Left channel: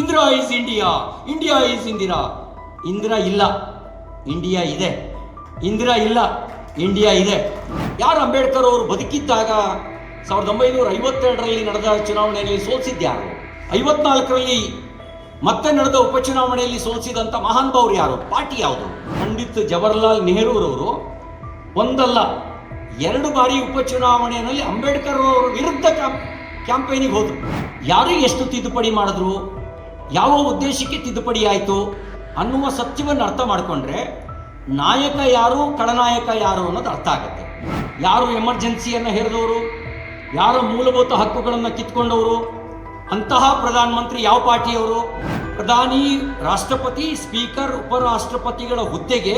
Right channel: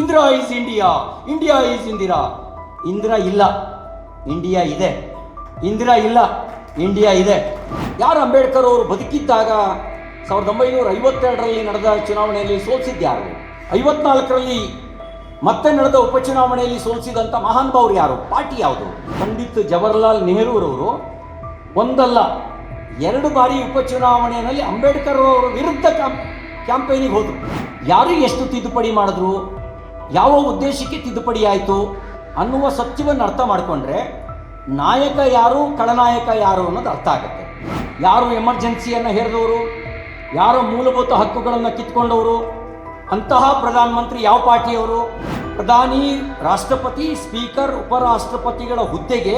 Indira is India, India is Indira. Indira ಇಲ್ಲ, India ಇದೆ. ಇಂದಿರಾ ಇಲ್ಲ, ಇಂಡಿಯಾ ಇದೆ. ಯಾರು ಅಂಬೇಡ್ಕರ್ ಅವರು ಬದುಕಿದ್ದಾಗ 1952ರಲ್ಲಿ ನಡೆದ ಚುನಾವಣೆಯಲ್ಲಿ ಸೋಲಿಸಿದ್ಯಾರು? 54ರಲ್ಲಿ ಮತ್ತೆ ನಡೆದ ಉಪಚುನಾವಣೆಯಲ್ಲಿ ಸೋಲಿಸಿದಂಥ ಮಹಾನುಭಾವರು ಯಾರು? ಪಾರ್ಟಿ ಯಾವುದು? ಪಂಡಿತ್ ಜವಾಹರ್ಲಾಲ್ ನೆಹರೂರವರು ಒಂದಲ್ಲ 2 ಬಾರಿ ಉಪಚುನಾವಣೆಯಲ್ಲಿ ಅಂಬೇಡ್ಕರ್ ಅವರ ವಿರುದ್ಧ ಕ್ಯಾಂಪೇನಿಗೆ ಹೋದರು. ಯಾರಿಗೆ ಎಷ್ಟು ತಿದ್ದುಪಡಿ ಮಾಡಿದ್ರು, ಯಾವ ಉದ್ದೇಶಕ್ಕೆ ತಿದ್ದುಪಡಿ ಆಯಿತು ಅನ್ನುವ ಸತ್ಯವನ್ನು ಅರ್ಥ ಮಾಡಿಕೊಂಡ್ರೆ ನಾಯಕ ಯಾರು, ಖಳನಾಯಕ ಯಾರು ಅನ್ನೋದು ಅರ್ಥ ಆಗುತ್ತೆ. ಯಾರು ಎಮರ್ಜೆನ್ಸಿಯನ್ನು ಹೇರಿದವರು, ಯಾರು ಮೂಲಭೂತ ಹಕ್ಕುಗಳನ್ನು ಕಿತ್ಕೊಂಡವರು, ಅಂತಹ ಪ್ರಧಾನಮಂತ್ರಿ ಯಾವ ಪಾರ್ಟಿಯವರು? ಪ್ರಧಾನಿ, ರಾಷ್ಟ್ರಪತಿ, ಸ್ಪೀಕರ್, ಉಪರಾಷ್ಟ್ರಪತಿಗಳ ಹುದ್ದೆಗೆ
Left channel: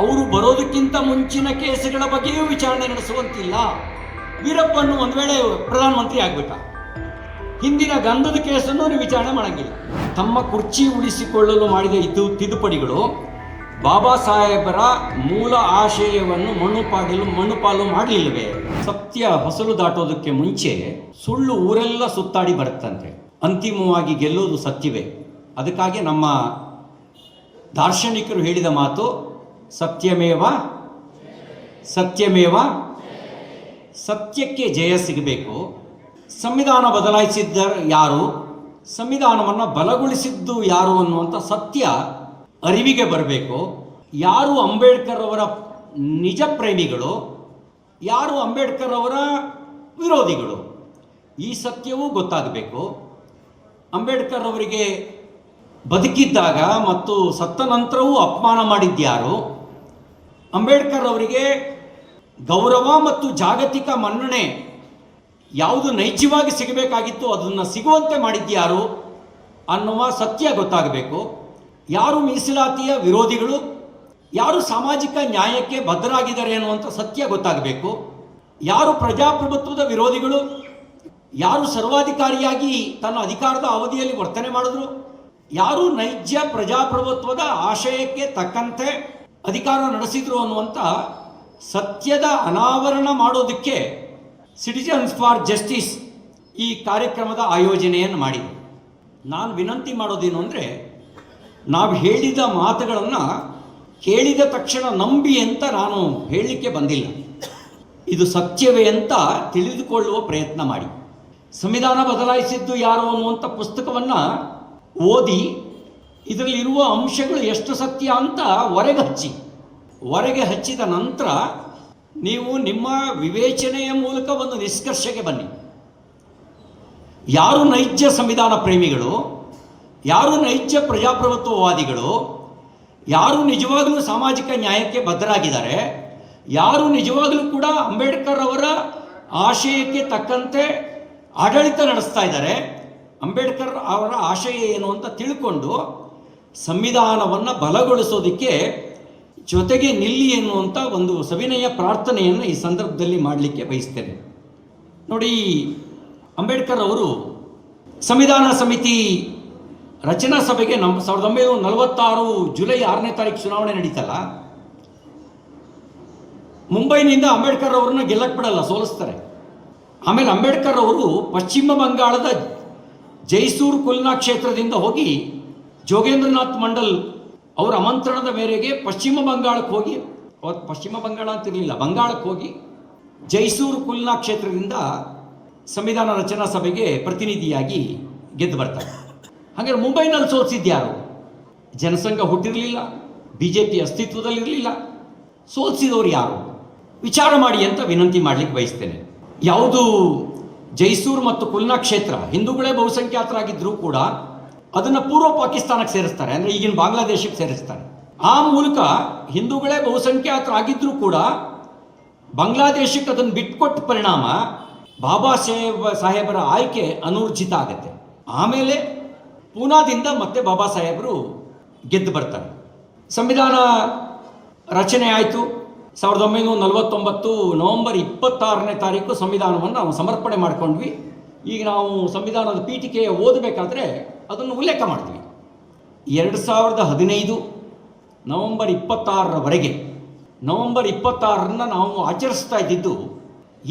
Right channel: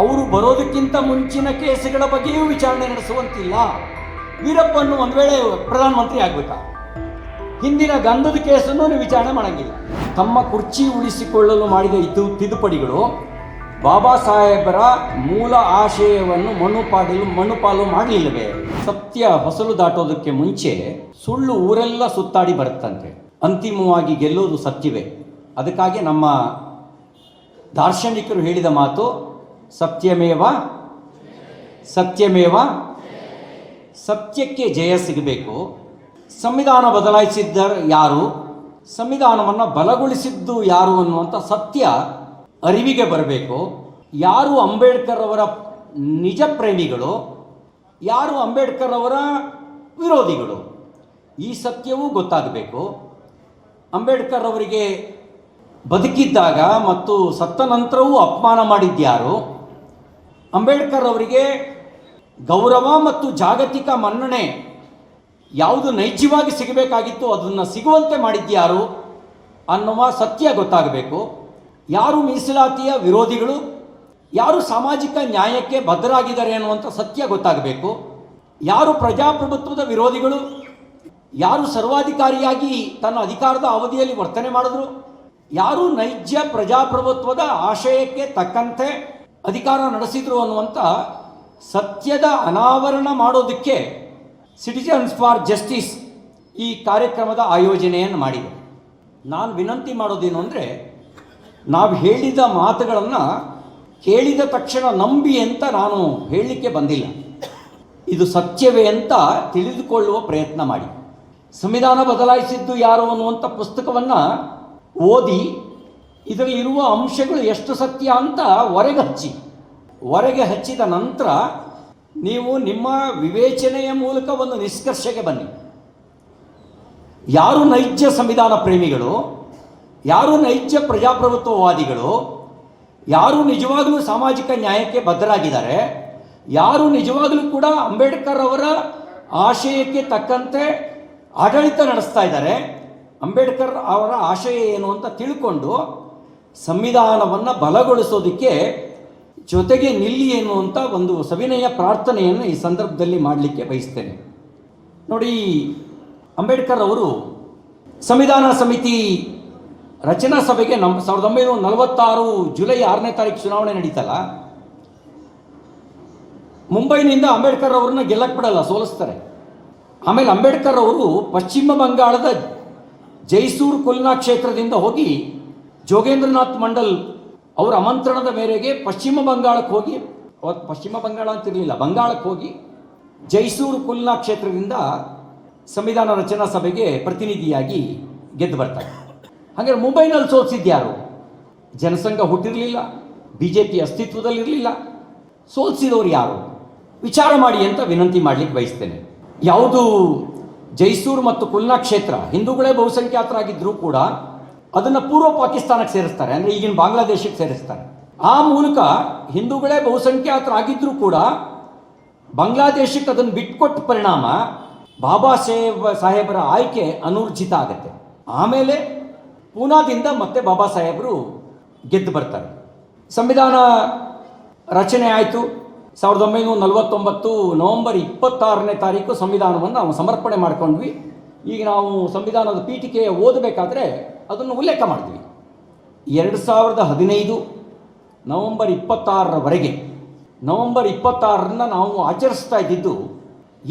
ಅವರು ಬರೋದಕ್ಕಿಂತ ಮುಂಚಿನ ಕೇಸುಗಳ ಬಗ್ಗೆಯೂ ವಿಚಾರಣೆ ನಡೆಸುವಂತಿಲ್ಲ. ವೀರಪ್ಪನ್ನು ಒಂದು ವೇಳೆ ಪ್ರಧಾನಮಂತ್ರಿ ಆಗಬೇಕಾ, ಹಿಂದಿನ ಗಂಧದ ಕೇಸನ್ನು ವಿಚಾರಣೆ ಮಾಡಂಗಿಲ್ಲ. ತಮ್ಮ ಕುರ್ಚಿ ಉಳಿಸಿಕೊಳ್ಳಲು ಮಾಡಿದ ತಿದ್ದುಪಡಿಗಳು ಬಾಬಾ ಸಾಹೇಬರ ಮೂಲ ಆಶಯವನ್ನು ಮಣ್ಣುಪಾಲು ಮಾಡಲಿಲ್ಲವೇ? ಸತ್ಯ ಹೊಸಲು ದಾಟೋದಕ್ಕೆ ಮುಂಚೆ ಸುಳ್ಳು ಊರೆಲ್ಲ ಸುತ್ತಾಡಿ ಬರುತ್ತಂತೆ. ಅಂತಿಮವಾಗಿ ಗೆಲ್ಲೋದು ಸತ್ಯವೇ. ಅದಕ್ಕಾಗಿ ನಮ್ಮ ದಾರ್ಶನಿಕರು ಹೇಳಿದ ಮಾತು ಸತ್ಯಮೇವ ಸತ್ಯಮೇವ. ಸತ್ಯಕ್ಕೆ ಜಯ ಸಿಗಬೇಕು. ಸಂವಿಧಾನ ಬದಲಾಯಿಸಿದ್ದ ಯಾರು, ಸಂವಿಧಾನವನ್ನು ಬಲಗೊಳಿಸಿದ್ದು ಯಾರು ಅನ್ನುವಂಥ ಸತ್ಯ ಅರಿವಿಗೆ ಬರಬೇಕು. ಯಾರು ಅಂಬೇಡ್ಕರ್ ಅವರ ನಿಜ ಪ್ರೇಮಿಗಳು, ಯಾರು ಅಂಬೇಡ್ಕರ್ ಅವರ ವಿರೋಧಿಗಳು, ಈ ಸತ್ಯವೂ ಗೊತ್ತಾಗಬೇಕು. ಅಂಬೇಡ್ಕರ್ ಅವರಿಗೆ ಬದುಕಿದ್ದಾಗ ಮತ್ತು ಸತ್ತ ನಂತರವೂ ಅಪಮಾನ ಮಾಡಿದ್ಯಾರು, ಅಂಬೇಡ್ಕರ್ ಅವರಿಗೆ ಗೌರವ ಮತ್ತು ಜಾಗತಿಕ ಮನ್ನಣೆ ಯಾವುದು ನೈಜವಾಗಿ ಸಿಗಬೇಕಾಗಿತ್ತು ಅದನ್ನು ಸಿಗುವಂತೆ ಮಾಡಿದ್ಯಾರು ಅನ್ನುವ ಸತ್ಯ ಗೊತ್ತಾಗಬೇಕು. ಯಾರು ಮೀಸಲಾತಿಯ ವಿರೋಧಿಗಳು, ಯಾರು ಸಾಮಾಜಿಕ ನ್ಯಾಯಕ್ಕೆ ಬದ್ಧರಾಗಿದ್ದಾರೆ ಅನ್ನುವಂಥ ಸತ್ಯ ಗೊತ್ತಾಗಬೇಕು. ಯಾರು ಪ್ರಜಾಪ್ರಭುತ್ವದ ವಿರೋಧಿಗಳು, ಯಾರು ಸರ್ವಾಧಿಕಾರಿಯಾಗಿ ತನ್ನ ಅಧಿಕಾರದ ಅವಧಿಯಲ್ಲಿ ವರ್ತನೆ ಮಾಡಿದ್ರು, ಯಾರು ನೈಜ ಪ್ರಜಾಪ್ರಭುತ್ವದ ಆಶಯಕ್ಕೆ ತಕ್ಕಂತೆ ಅಧಿಕಾರ ನಡೆಸಿದ್ರು ಅನ್ನುವಂಥ ಸತ್ಯದ ಅನಾವರಣ ಮಾಡೋದಕ್ಕೆ ಸಿಟಿಜನ್ಸ್ ಫಾರ್ ಜಸ್ಟಿಸ್ ಈ ಕಾರ್ಯಕ್ರಮದ ಆಯೋಜನೆಯನ್ನು ಮಾಡಿದೆ. ನಾನು ವಿನಂತಿ ಮಾಡೋದೇನು ಅಂದರೆ, ನಾವು ಹೇಳಿದ ಮಾತುಗಳನ್ನು ಕೇಳಿದ ತಕ್ಷಣ ನಂಬಿ ಅಂತ ನಾನು ಹೇಳಲಿಕ್ಕೆ ಬಂದಿಲ್ಲ. ಇದು ಸತ್ಯವೇ ಅಂತ ತಿಳಿದುಕೊಳ್ಳುವ ಪ್ರಯತ್ನ ಮಾಡಿ. ಸಂವಿಧಾನ ಬದಲಾಯಿಸಿದ್ದು ಯಾರು ಅನ್ನುವಂಥ ಪುಸ್ತಕವನ್ನು ಓದಿ ಇದರಲ್ಲಿರುವ ಅಂಶಗಳು ಎಷ್ಟು ಸತ್ಯ ಅಂತ ಹೊರಗೆ ಹಚ್ಚಿದ ನಂತರ ನೀವು ನಿಮ್ಮ ವಿವೇಚನೆಯ ಮೂಲಕ ಒಂದು ನಿಷ್ಕರ್ಷೆಗೆ ಬನ್ನಿ. ಯಾರು ನೈಜ ಸಂವಿಧಾನ ಪ್ರೇಮಿಗಳು, ಯಾರು ನೈಜ ಪ್ರಜಾಪ್ರಭುತ್ವವಾದಿಗಳು, ಯಾರು ನಿಜವಾಗಲೂ ಸಾಮಾಜಿಕ ನ್ಯಾಯಕ್ಕೆ ಬದ್ಧರಾಗಿದ್ದಾರೆ, ಯಾರು ನಿಜವಾಗಲೂ ಕೂಡ ಅಂಬೇಡ್ಕರ್ ಅವರ ಆಶಯಕ್ಕೆ ತಕ್ಕಂತೆ ಆಡಳಿತ ನಡೆಸ್ತಾ ಇದ್ದಾರೆ, ಅಂಬೇಡ್ಕರ್ ಅವರ ಆಶಯ ಏನು ಅಂತ ತಿಳ್ಕೊಂಡು ಸಂವಿಧಾನವನ್ನು ಬಲಗೊಳಿಸೋದಕ್ಕೆ ಜೊತೆಗೆ ನಿಲ್ಲಿ ಎನ್ನುವಂಥ ಒಂದು ಸವಿನಯ ಪ್ರಾರ್ಥನೆಯನ್ನು ಈ ಸಂದರ್ಭದಲ್ಲಿ ಮಾಡಲಿಕ್ಕೆ ಬಯಸ್ತೇನೆ. ನೋಡಿ, ಅಂಬೇಡ್ಕರ್ ಅವರು ಸಂವಿಧಾನ ಸಮಿತಿ ರಚನಾ ಸಭೆಗೆ 1946 ಜುಲೈ 6ನೇ ತಾರೀಕು ಚುನಾವಣೆ ನಡೀತಲ್ಲ, ಮುಂಬೈನಿಂದ ಅಂಬೇಡ್ಕರ್ ಅವರನ್ನ ಗೆಲ್ಲಕ್ಕೆ ಬಿಡಲ್ಲ, ಸೋಲಿಸ್ತಾರೆ. ಆಮೇಲೆ ಅಂಬೇಡ್ಕರ್ ಅವರು ಪಶ್ಚಿಮ ಬಂಗಾಳದ ಜೈಸೂರ್ ಕುಲ್ನಾ ಕ್ಷೇತ್ರದಿಂದ ಹೋಗಿ ಜೋಗೇಂದ್ರನಾಥ್ ಮಂಡಲ್ ಅವರ ಆಮಂತ್ರಣದ ಮೇರೆಗೆ ಪಶ್ಚಿಮ ಬಂಗಾಳಕ್ಕೆ ಹೋಗಿ, ಪಶ್ಚಿಮ ಬಂಗಾಳ ಅಂತಿರಲಿಲ್ಲ, ಬಂಗಾಳಕ್ಕೆ ಹೋಗಿ ಜೈಸೂರ್ ಕುಲ್ನಾ ಕ್ಷೇತ್ರದಿಂದ ಸಂವಿಧಾನ ರಚನಾ ಸಭೆಗೆ ಪ್ರತಿನಿಧಿಯಾಗಿ ಗೆದ್ದು ಬರ್ತಾರೆ. ಹಾಗಾದ್ರೆ ಮುಂಬೈನಲ್ಲಿ ಸೋಲಿಸಿದ್ಯಾರು? ಜನಸಂಘ ಹುಟ್ಟಿರಲಿಲ್ಲ, BJP ಅಸ್ತಿತ್ವದಲ್ಲಿರಲಿಲ್ಲ. ಸೋಲಿಸಿದವರು ಯಾರು? ವಿಚಾರ ಮಾಡಿ ಅಂತ ವಿನಂತಿ ಮಾಡಲಿಕ್ಕೆ ಬಯಸ್ತೇನೆ. ಯಾವುದು ಜೈಸೂರ್ ಮತ್ತು ಕುಲ್ನಾ ಕ್ಷೇತ್ರ ಹಿಂದೂಗಳೇ ಬಹುಸಂಖ್ಯಾತರಾಗಿದ್ದರೂ ಕೂಡ ಅದನ್ನು ಪೂರ್ವ ಪಾಕಿಸ್ತಾನಕ್ಕೆ ಸೇರಿಸ್ತಾರೆ, ಅಂದರೆ ಈಗಿನ ಬಾಂಗ್ಲಾದೇಶಕ್ಕೆ ಸೇರಿಸ್ತಾರೆ. ಆ ಮೂಲಕ ಹಿಂದೂಗಳೇ ಬಹುಸಂಖ್ಯಾತರಾಗಿದ್ದರೂ ಕೂಡ ಬಾಂಗ್ಲಾದೇಶಕ್ಕೆ ಅದನ್ನು ಬಿಟ್ಕೊಟ್ಟ ಪರಿಣಾಮ ಬಾಬಾ ಸಾಹೇಬರ ಆಯ್ಕೆ ಅನೂರ್ಜಿತ ಆಗುತ್ತೆ. ಆಮೇಲೆ ಪೂನಾದಿಂದ ಮತ್ತೆ ಬಾಬಾ ಸಾಹೇಬರು ಗೆದ್ದು ಬರ್ತಾರೆ. ಸಂವಿಧಾನ ರಚನೆ ಆಯಿತು. 1949 ನವೆಂಬರ್ 26ನೇ ತಾರೀಕು ಸಂವಿಧಾನವನ್ನು ನಾವು ಸಮರ್ಪಣೆ ಮಾಡ್ಕೊಂಡ್ವಿ. ಈಗ ನಾವು ಸಂವಿಧಾನದ ಪೀಠಿಕೆ ಓದಬೇಕಾದ್ರೆ ಅದನ್ನು ಉಲ್ಲೇಖ ಮಾಡ್ತೀವಿ. 2015 ನವೆಂಬರ್ 26ರವರೆಗೆ, ನವೆಂಬರ್ 26ರನ್ನ ನಾವು ಆಚರಿಸ್ತಾ ಇದ್ದಿದ್ದು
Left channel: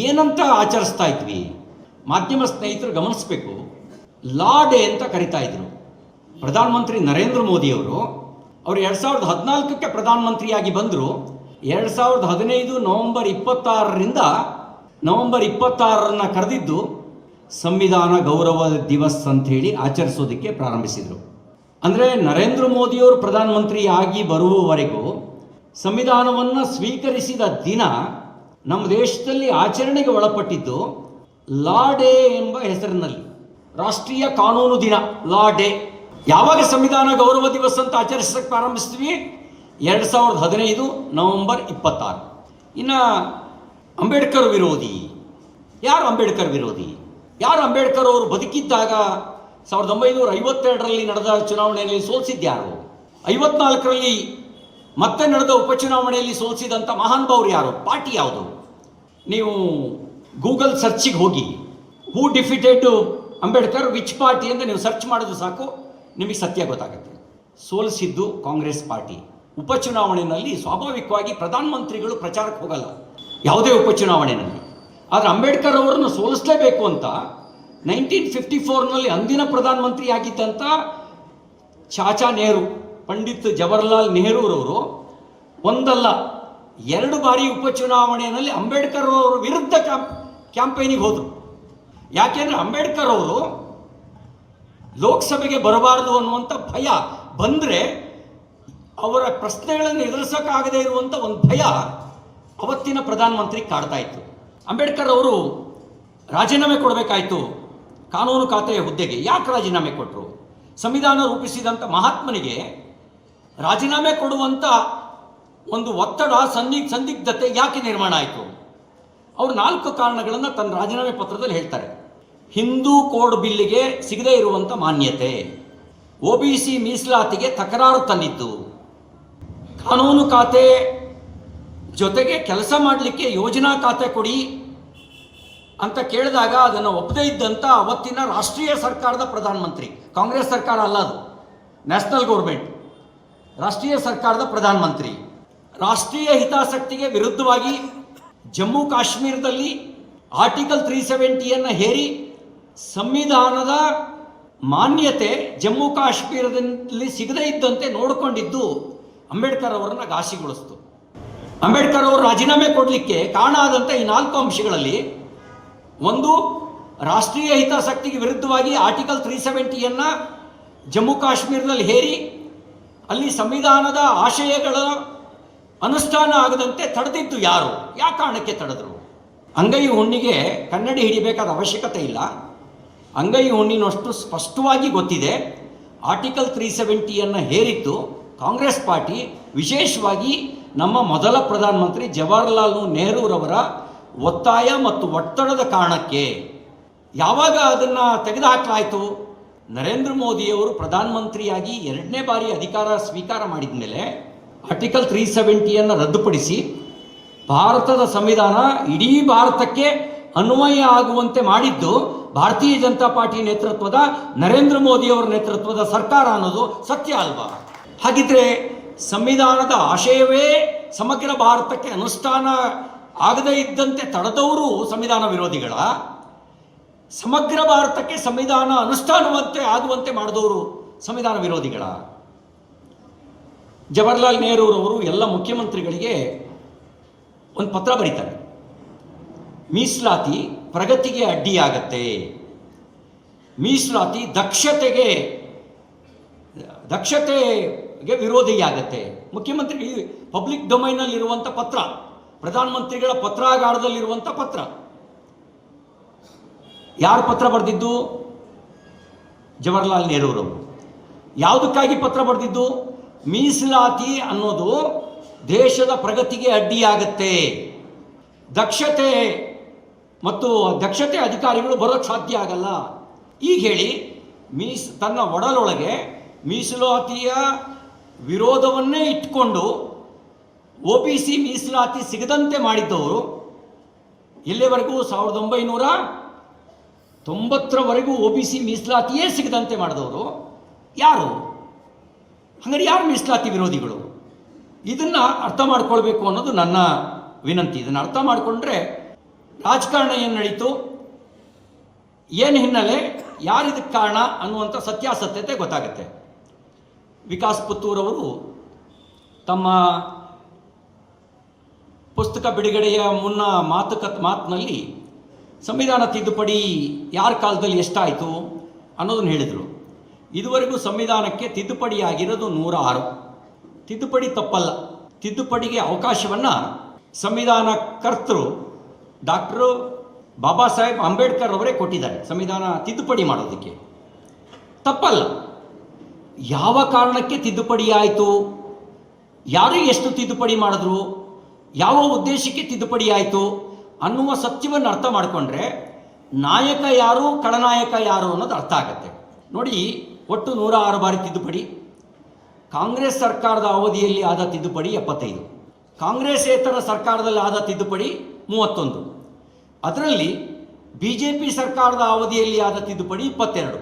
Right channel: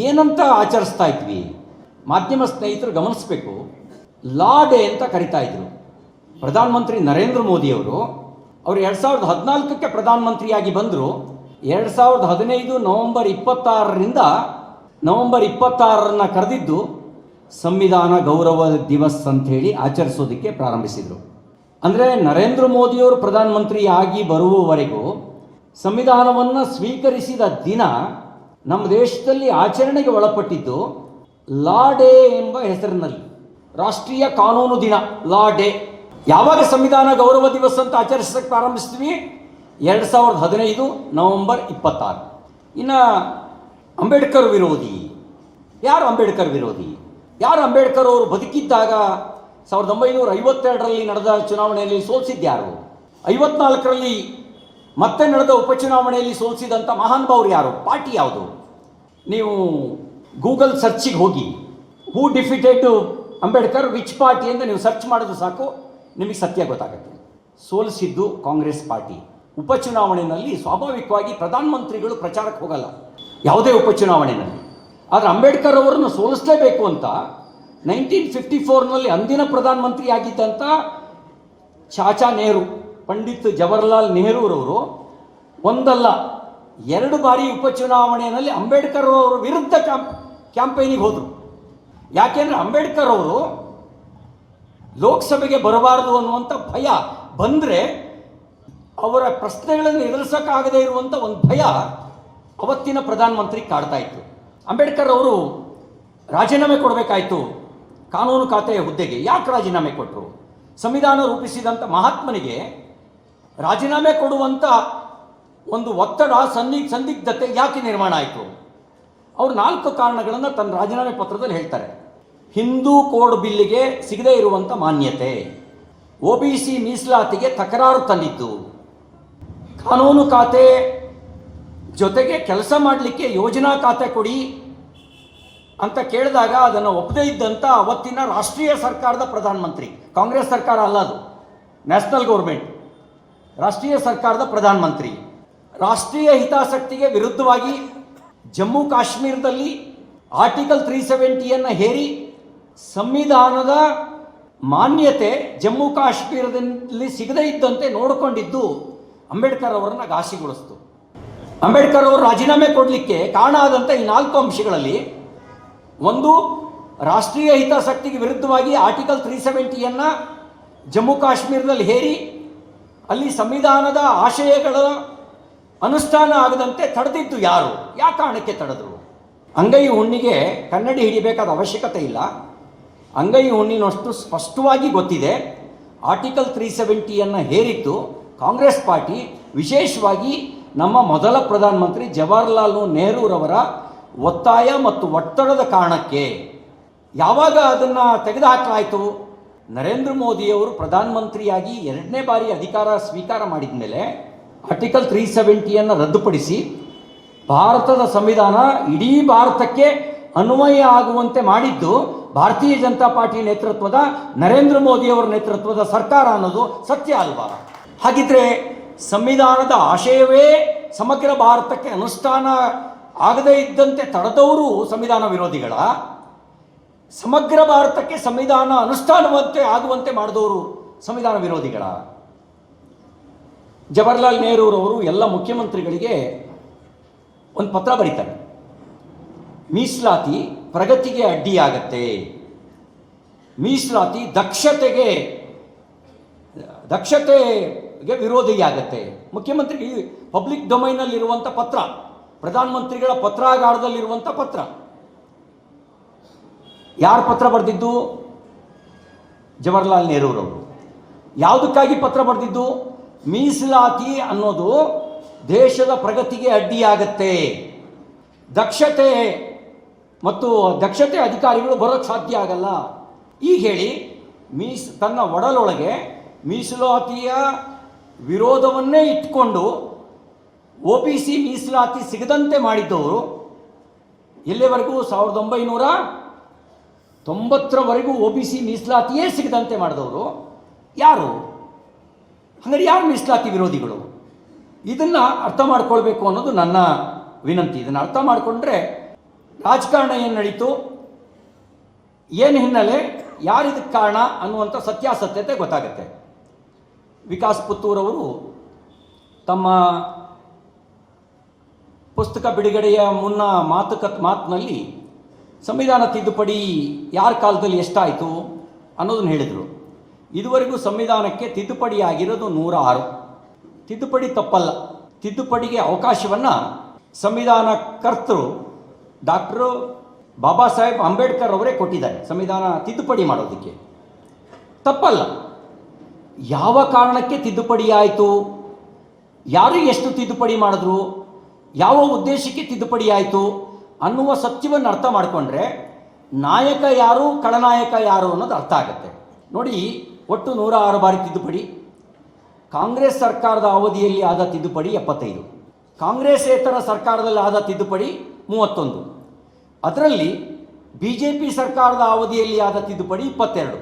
ಏನಂತ ಆಚರಿಸ್ತಾ ಇದ್ವಿ? ಮಾಧ್ಯಮ ಸ್ನೇಹಿತರು ಗಮನಿಸಬೇಕು, ಲಾ ಡೇ ಅಂತ ಕರಿತಾ ಇದ್ರು. ಪ್ರಧಾನಮಂತ್ರಿ ನರೇಂದ್ರ ಮೋದಿಯವರು 2014ಕ್ಕೆ ಪ್ರಧಾನಮಂತ್ರಿಯಾಗಿ ಬಂದರು. 2015 ನವೆಂಬರ್ 26ರಿಂದ ನವೆಂಬರ್ 26ರನ್ನ ಕರೆದಿದ್ದು ಸಂವಿಧಾನ ಗೌರವ ದಿವಸ್ ಅಂತ ಹೇಳಿ ಆಚರಿಸೋದಕ್ಕೆ ಪ್ರಾರಂಭಿಸಿದರು. ಅಂದರೆ ನರೇಂದ್ರ ಮೋದಿಯವರು ಪ್ರಧಾನಮಂತ್ರಿ ಆಗಿ ಬರುವವರೆಗೂ ಸಂವಿಧಾನವನ್ನು ಸ್ವೀಕರಿಸಿದ ದಿನ ನಮ್ಮ ದೇಶದಲ್ಲಿ ಆಚರಣೆಗೆ ಒಳಪಟ್ಟಿದ್ದು ಲಾ ಡೇ ಎಂಬ ಹೆಸರಿನಲ್ಲಿ, ರಾಷ್ಟ್ರೀಯ ಕಾನೂನು ದಿನ, ಲಾ ಡೇ. ಯಾವಾಗ ಸಂವಿಧಾನ ಗೌರವ ದಿವಸ ಅಂತ ಆಚರಿಸಕ್ಕೆ ಪ್ರಾರಂಭಿಸ್ತೀವಿ? 2015 ನವೆಂಬರ್ 26. ಇನ್ನು ಅಂಬೇಡ್ಕರ್ ವಿರೋಧಿ. ಯಾರು ಅಂಬೇಡ್ಕರ್ ವಿರೋಧಿ? ಯಾರು ಅಂಬೇಡ್ಕರ್ ಅವರು ಬದುಕಿದ್ದಾಗ 1952ರಲ್ಲಿ ನಡೆದ ಚುನಾವಣೆಯಲ್ಲಿ ಸೋಲಿಸಿದ್ಯಾರು? 54ರಲ್ಲಿ ಮತ್ತೆ ನಡೆದ ಉಪಚುನಾವಣೆಯಲ್ಲಿ ಸೋಲಿಸಿದಂಥ ಮಹಾನುಭಾವರು ಯಾರು? ಪಾರ್ಟಿ ಯಾವುದು? ನೀವು ಗೂಗಲ್ ಸರ್ಚಿಗೆ ಹೋಗಿ ಹೂ ಡಿಫಿಟೆಡ್ ಅಂಬೇಡ್ಕರ್ ವಿಚ್ ಪಾರ್ಟಿ ಅಂತ ನೀವು ಸರ್ಚ್ ಮಾಡೋದು ಸಾಕು, ನಿಮಗೆ ಸತ್ಯ ಗೊತ್ತಾಗುತ್ತೆ. ಸೋಲಿಸಿದ್ದು ಕಾಂಗ್ರೆಸ್ ಪಾರ್ಟಿ. ಉಪಚುನಾವಣೆಯಲ್ಲಿ ಸ್ವಾಭಾವಿಕವಾಗಿ ಪ್ರಧಾನಮಂತ್ರಿಗಳು ಪ್ರಚಾರಕ್ಕೆ ಹೋಗಲ್ಲ ಯಾವುದೇ ಉಪಚುನಾವಣೆಯಲ್ಲಿ. ಆದರೆ ಅಂಬೇಡ್ಕರ್ ಅವರನ್ನು ಸೋಲಿಸಲೇಬೇಕು ಅಂತ 1954ನಲ್ಲಿ ಅಂದಿನ ಪ್ರಧಾನಮಂತ್ರಿ ಆಗಿದ್ದಂಥ ಚಾಚಾ ನೆಹರು, ಪಂಡಿತ್ ಜವಾಹರ್ಲಾಲ್ ನೆಹರೂರವರು ಒಂದಲ್ಲ 2 ಬಾರಿ ಉಪಚುನಾವಣೆಯಲ್ಲಿ ಅಂಬೇಡ್ಕರ್ ಅವರ ವಿರುದ್ಧ ಕ್ಯಾಂಪೇನಿಗೆ ಹೋದರು. ಯಾಕೆಂದರೆ ಅಂಬೇಡ್ಕರ್ ಅವರು ಲೋಕಸಭೆಗೆ ಬರಬಾರದು ಅನ್ನುವಂಥ ಭಯ, ಬಂದರೆ ಅವರ ಪ್ರಶ್ನೆಗಳನ್ನು ಎದುರಿಸೋಕ್ಕಾಗದೇ ಇರುವಂಥ ಒಂದು ಭಯ ಅವತ್ತಿನ ಪ್ರಧಾನಮಂತ್ರಿ ಕಾಡ್ತಾ ಇತ್ತು. ಅಂಬೇಡ್ಕರ್ ಅವರು ರಾಜೀನಾಮೆ ಕೊಡಬೇಕಾಯಿತು ಕಾನೂನು ಖಾತೆಯ ಹುದ್ದೆಗೆ. ಯಾಕೆ ರಾಜೀನಾಮೆ ಕೊಟ್ಟರು? ಸಂವಿಧಾನ ರೂಪಿಸಿದಂಥ ಮಹಾತ್ಮನಿಗೆ ರಾಜೀನಾಮೆ ಕೊಡುವಂಥ ಒಂದು ಒತ್ತಡ, ಸಂದಿಗ್ಧತೆ ಯಾಕೆ ನಿರ್ಮಾಣ ಆಯಿತು? ಅವರು 4 ಕಾರಣಗಳನ್ನು ತನ್ನ ರಾಜೀನಾಮೆ ಪತ್ರದಲ್ಲಿ ಹೇಳ್ತಾರೆ. ಹಿಂದೂ ಕೋಡ್ ಬಿಲ್ಲಿಗೆ ಸಿಗದೇ ಇರುವಂಥ ಮಾನ್ಯತೆ, OBC ಮೀಸಲಾತಿಗೆ ತಕರಾರು ತಂದಿದ್ದು, ಕಾನೂನು ಖಾತೆ ಜೊತೆಗೆ ಕೆಲಸ ಮಾಡಲಿಕ್ಕೆ ಯೋಜನಾ ಖಾತೆ ಕೊಡಿ ಅಂತ ಕೇಳಿದಾಗ ಅದನ್ನು ಒಪ್ಪದೇ ಇದ್ದಂಥ ಅವತ್ತಿನ ರಾಷ್ಟ್ರೀಯ ಸರ್ಕಾರದ ಪ್ರಧಾನಮಂತ್ರಿ, ಕಾಂಗ್ರೆಸ್ ಸರ್ಕಾರ ಅಲ್ಲ ಅದು, ನ್ಯಾಷನಲ್ ಗೌರ್ಮೆಂಟ್, ರಾಷ್ಟ್ರೀಯ ಸರ್ಕಾರದ ಪ್ರಧಾನಮಂತ್ರಿ, ರಾಷ್ಟ್ರೀಯ ಹಿತಾಸಕ್ತಿಗೆ ವಿರುದ್ಧವಾಗಿ ಜಮ್ಮು ಕಾಶ್ಮೀರದಲ್ಲಿ ಆರ್ಟಿಕಲ್ 370ಯನ್ನು ಹೇರಿ ಸಂವಿಧಾನದ ಮಾನ್ಯತೆ ಜಮ್ಮು ಕಾಶ್ಮೀರದಲ್ಲಿ ಸಿಗದೇ ಇದ್ದಂತೆ ನೋಡಿಕೊಂಡಿದ್ದು ಅಂಬೇಡ್ಕರ್ ಅವರನ್ನು ಘಾಸಿಗೊಳಿಸಿತು. ಅಂಬೇಡ್ಕರ್ ಅವರು ರಾಜೀನಾಮೆ ಕೊಡಲಿಕ್ಕೆ ಕಾರಣ ಆದಂಥ ಈ 4 ಅಂಶಗಳಲ್ಲಿ ಒಂದು, ರಾಷ್ಟ್ರೀಯ ಹಿತಾಸಕ್ತಿಗೆ ವಿರುದ್ಧವಾಗಿ ಆರ್ಟಿಕಲ್ 370ಯನ್ನು ಜಮ್ಮು ಕಾಶ್ಮೀರದಲ್ಲಿ ಹೇರಿ ಅಲ್ಲಿ ಸಂವಿಧಾನದ ಆಶಯಗಳ ಅನುಷ್ಠಾನ ಆಗದಂತೆ ತಡೆದಿದ್ದು ಯಾರು? ಯಾವ ಕಾರಣಕ್ಕೆ ತಡೆದರು? ಅಂಗೈ ಹುಣ್ಣಿಗೆ ಕನ್ನಡಿ ಹಿಡಿಬೇಕಾದ ಅವಶ್ಯಕತೆ ಇಲ್ಲ. ಅಂಗೈ ಹುಣ್ಣಿನಷ್ಟು ಸ್ಪಷ್ಟವಾಗಿ ಗೊತ್ತಿದೆ. ಆರ್ಟಿಕಲ್ 370ಯನ್ನು ಹೇರಿದ್ದು ಕಾಂಗ್ರೆಸ್ ಪಾರ್ಟಿ, ವಿಶೇಷವಾಗಿ ನಮ್ಮ ಮೊದಲ ಪ್ರಧಾನಮಂತ್ರಿ ಜವಾಹರ್ಲಾಲ್ ನೆಹರೂರವರ ಒತ್ತಾಯ ಮತ್ತು ಒತ್ತಡದ ಕಾರಣಕ್ಕೆ. ಯಾವಾಗ ಅದನ್ನು ತೆಗೆದುಹಾಕಲಾಯಿತು? ನರೇಂದ್ರ ಮೋದಿಯವರು ಪ್ರಧಾನಮಂತ್ರಿಯಾಗಿ 2ನೇ ಬಾರಿ ಅಧಿಕಾರ ಸ್ವೀಕಾರ ಮಾಡಿದ ಮೇಲೆ ಆರ್ಟಿಕಲ್ 370ಯನ್ನು ರದ್ದುಪಡಿಸಿ ಭಾರತದ ಸಂವಿಧಾನ ಇಡೀ ಭಾರತಕ್ಕೆ ಅನ್ವಯ ಆಗುವಂತೆ ಮಾಡಿದ್ದು ಭಾರತೀಯ ಜನತಾ ಪಾರ್ಟಿ ನೇತೃತ್ವದ ನರೇಂದ್ರ ಮೋದಿಯವರ ನೇತೃತ್ವದ ಸರ್ಕಾರ ಅನ್ನೋದು ಸತ್ಯ ಅಲ್ವಾ? ಹಾಗಿದ್ರೆ ಸಂವಿಧಾನದ ಆಶಯವೇ ಸಮಗ್ರ ಭಾರತಕ್ಕೆ ಅನುಷ್ಠಾನ ಆಗದೇ ಇದ್ದಂತೆ ತಡೆದವರು ಸಂವಿಧಾನ ವಿರೋಧಿಗಳ, ಸಮಗ್ರ ಭಾರತಕ್ಕೆ ಸಂವಿಧಾನ ಅನುಷ್ಠಾನವಂತೆ ಆಗುವಂತೆ ಮಾಡಿದವರು ಸಂವಿಧಾನ ವಿರೋಧಿಗಳ? ಜವಾಹರ್ಲಾಲ್ ನೆಹರೂರವರು ಎಲ್ಲ ಮುಖ್ಯಮಂತ್ರಿಗಳಿಗೆ ಒಂದು ಪತ್ರ ಬರೀತಾರೆ. ಮೀಸಲಾತಿ ಪ್ರಗತಿಗೆ ಅಡ್ಡಿಯಾಗತ್ತೆ, ಮೀಸಲಾತಿ ದಕ್ಷತೆಗೆ ವಿರೋಧಿಯಾಗತ್ತೆ. ಮುಖ್ಯಮಂತ್ರಿ ಪಬ್ಲಿಕ್ ಡೊಮೈನಲ್ಲಿರುವಂಥ ಪತ್ರ, ಪ್ರಧಾನಮಂತ್ರಿಗಳ ಪತ್ರಾಗಾರದಲ್ಲಿರುವಂಥ ಪತ್ರ. ಯಾರು ಪತ್ರ ಬರೆದಿದ್ದು? ಜವಾಹರ್ಲಾಲ್ ನೆಹರೂರವರು. ಯಾವುದಕ್ಕಾಗಿ ಪತ್ರ ಬರೆದಿದ್ದು? ಮೀಸಲಾತಿ ಅನ್ನೋದು ದೇಶದ ಪ್ರಗತಿಗೆ ಅಡ್ಡಿಯಾಗತ್ತೆ, ದಕ್ಷತೆ ಅಧಿಕಾರಿಗಳು ಬರೋಕ್ಕೆ ಸಾಧ್ಯ ಆಗಲ್ಲ. ಈಗ ಹೇಳಿ, ತನ್ನ ಒಡಲೊಳಗೆ ಮೀಸಲಾತಿಯ ವಿರೋಧವನ್ನೇ ಇಟ್ಕೊಂಡು OBC ಮೀಸಲಾತಿ ಸಿಗದಂತೆ ಮಾಡಿದ್ದವರು ಎಲ್ಲಿವರೆಗೂ? 1990ರವರೆಗೂ OBC ಮೀಸಲಾತಿಯೇ ಸಿಗದಂತೆ ಮಾಡಿದವರು ಯಾರು? ಅಂದರೆ ಯಾರು ಮೀಸಲಾತಿ ವಿರೋಧಿಗಳು? ಇದನ್ನು ಅರ್ಥ ಮಾಡ್ಕೊಳ್ಬೇಕು ಅನ್ನೋದು ನನ್ನ ವಿನಂತಿ. ಇದನ್ನು ಅರ್ಥ ಮಾಡಿಕೊಂಡ್ರೆ ರಾಜಕಾರಣ ಏನು ನಡೀತು, ಏನು ಹಿನ್ನೆಲೆ, ಯಾರಿದಕ್ಕೆ ಕಾರಣ ಅನ್ನುವಂಥ ಸತ್ಯಾಸತ್ಯತೆ ಗೊತ್ತಾಗುತ್ತೆ. ವಿಕಾಸ್ ಪುತ್ತೂರವರು ತಮ್ಮ ಪುಸ್ತಕ ಬಿಡುಗಡೆಯ ಮುನ್ನ ಮಾತಿನಲ್ಲಿ ಸಂವಿಧಾನ ತಿದ್ದುಪಡಿ ಯಾರ ಕಾಲದಲ್ಲಿ ಎಷ್ಟಾಯಿತು ಅನ್ನೋದನ್ನು ಹೇಳಿದರು. ಇದುವರೆಗೂ ಸಂವಿಧಾನಕ್ಕೆ ತಿದ್ದುಪಡಿ ಆಗಿರೋದು 106. ತಿದ್ದುಪಡಿ ತಪ್ಪಲ್ಲ. ತಿದ್ದುಪಡಿಗೆ ಅವಕಾಶವನ್ನು ಸಂವಿಧಾನ ಕರ್ತರು ಡಾಕ್ಟರ್ ಬಾಬಾ ಸಾಹೇಬ್ ಅಂಬೇಡ್ಕರ್ ಅವರೇ ಕೊಟ್ಟಿದ್ದಾರೆ ಸಂವಿಧಾನ ತಿದ್ದುಪಡಿ ಮಾಡೋದಕ್ಕೆ. ತಪ್ಪಲ್ಲ. ಯಾವ ಕಾರಣಕ್ಕೆ ತಿದ್ದುಪಡಿ ಆಯಿತು, ಯಾರು ಎಷ್ಟು ತಿದ್ದುಪಡಿ ಮಾಡಿದ್ರು, ಯಾವ ಉದ್ದೇಶಕ್ಕೆ ತಿದ್ದುಪಡಿ ಆಯಿತು ಅನ್ನುವ ಸತ್ಯವನ್ನು ಅರ್ಥ ಮಾಡಿಕೊಂಡ್ರೆ ನಾಯಕ ಯಾರು ಖಳನಾಯಕ ಯಾರು ಅನ್ನೋದು ಅರ್ಥ ಆಗುತ್ತೆ. ನೋಡಿ, ಒಟ್ಟು 106 ಬಾರಿ ತಿದ್ದುಪಡಿ. ಕಾಂಗ್ರೆಸ್ ಸರ್ಕಾರದ ಅವಧಿಯಲ್ಲಿ ಆದ ತಿದ್ದುಪಡಿ 75, ಕಾಂಗ್ರೆಸ್ಸೇತರ ಸರ್ಕಾರದಲ್ಲಿ ಆದ ತಿದ್ದುಪಡಿ 31, ಅದರಲ್ಲಿ BJP ಸರ್ಕಾರದ ಅವಧಿಯಲ್ಲಿ ಆದ ತಿದ್ದುಪಡಿ 22,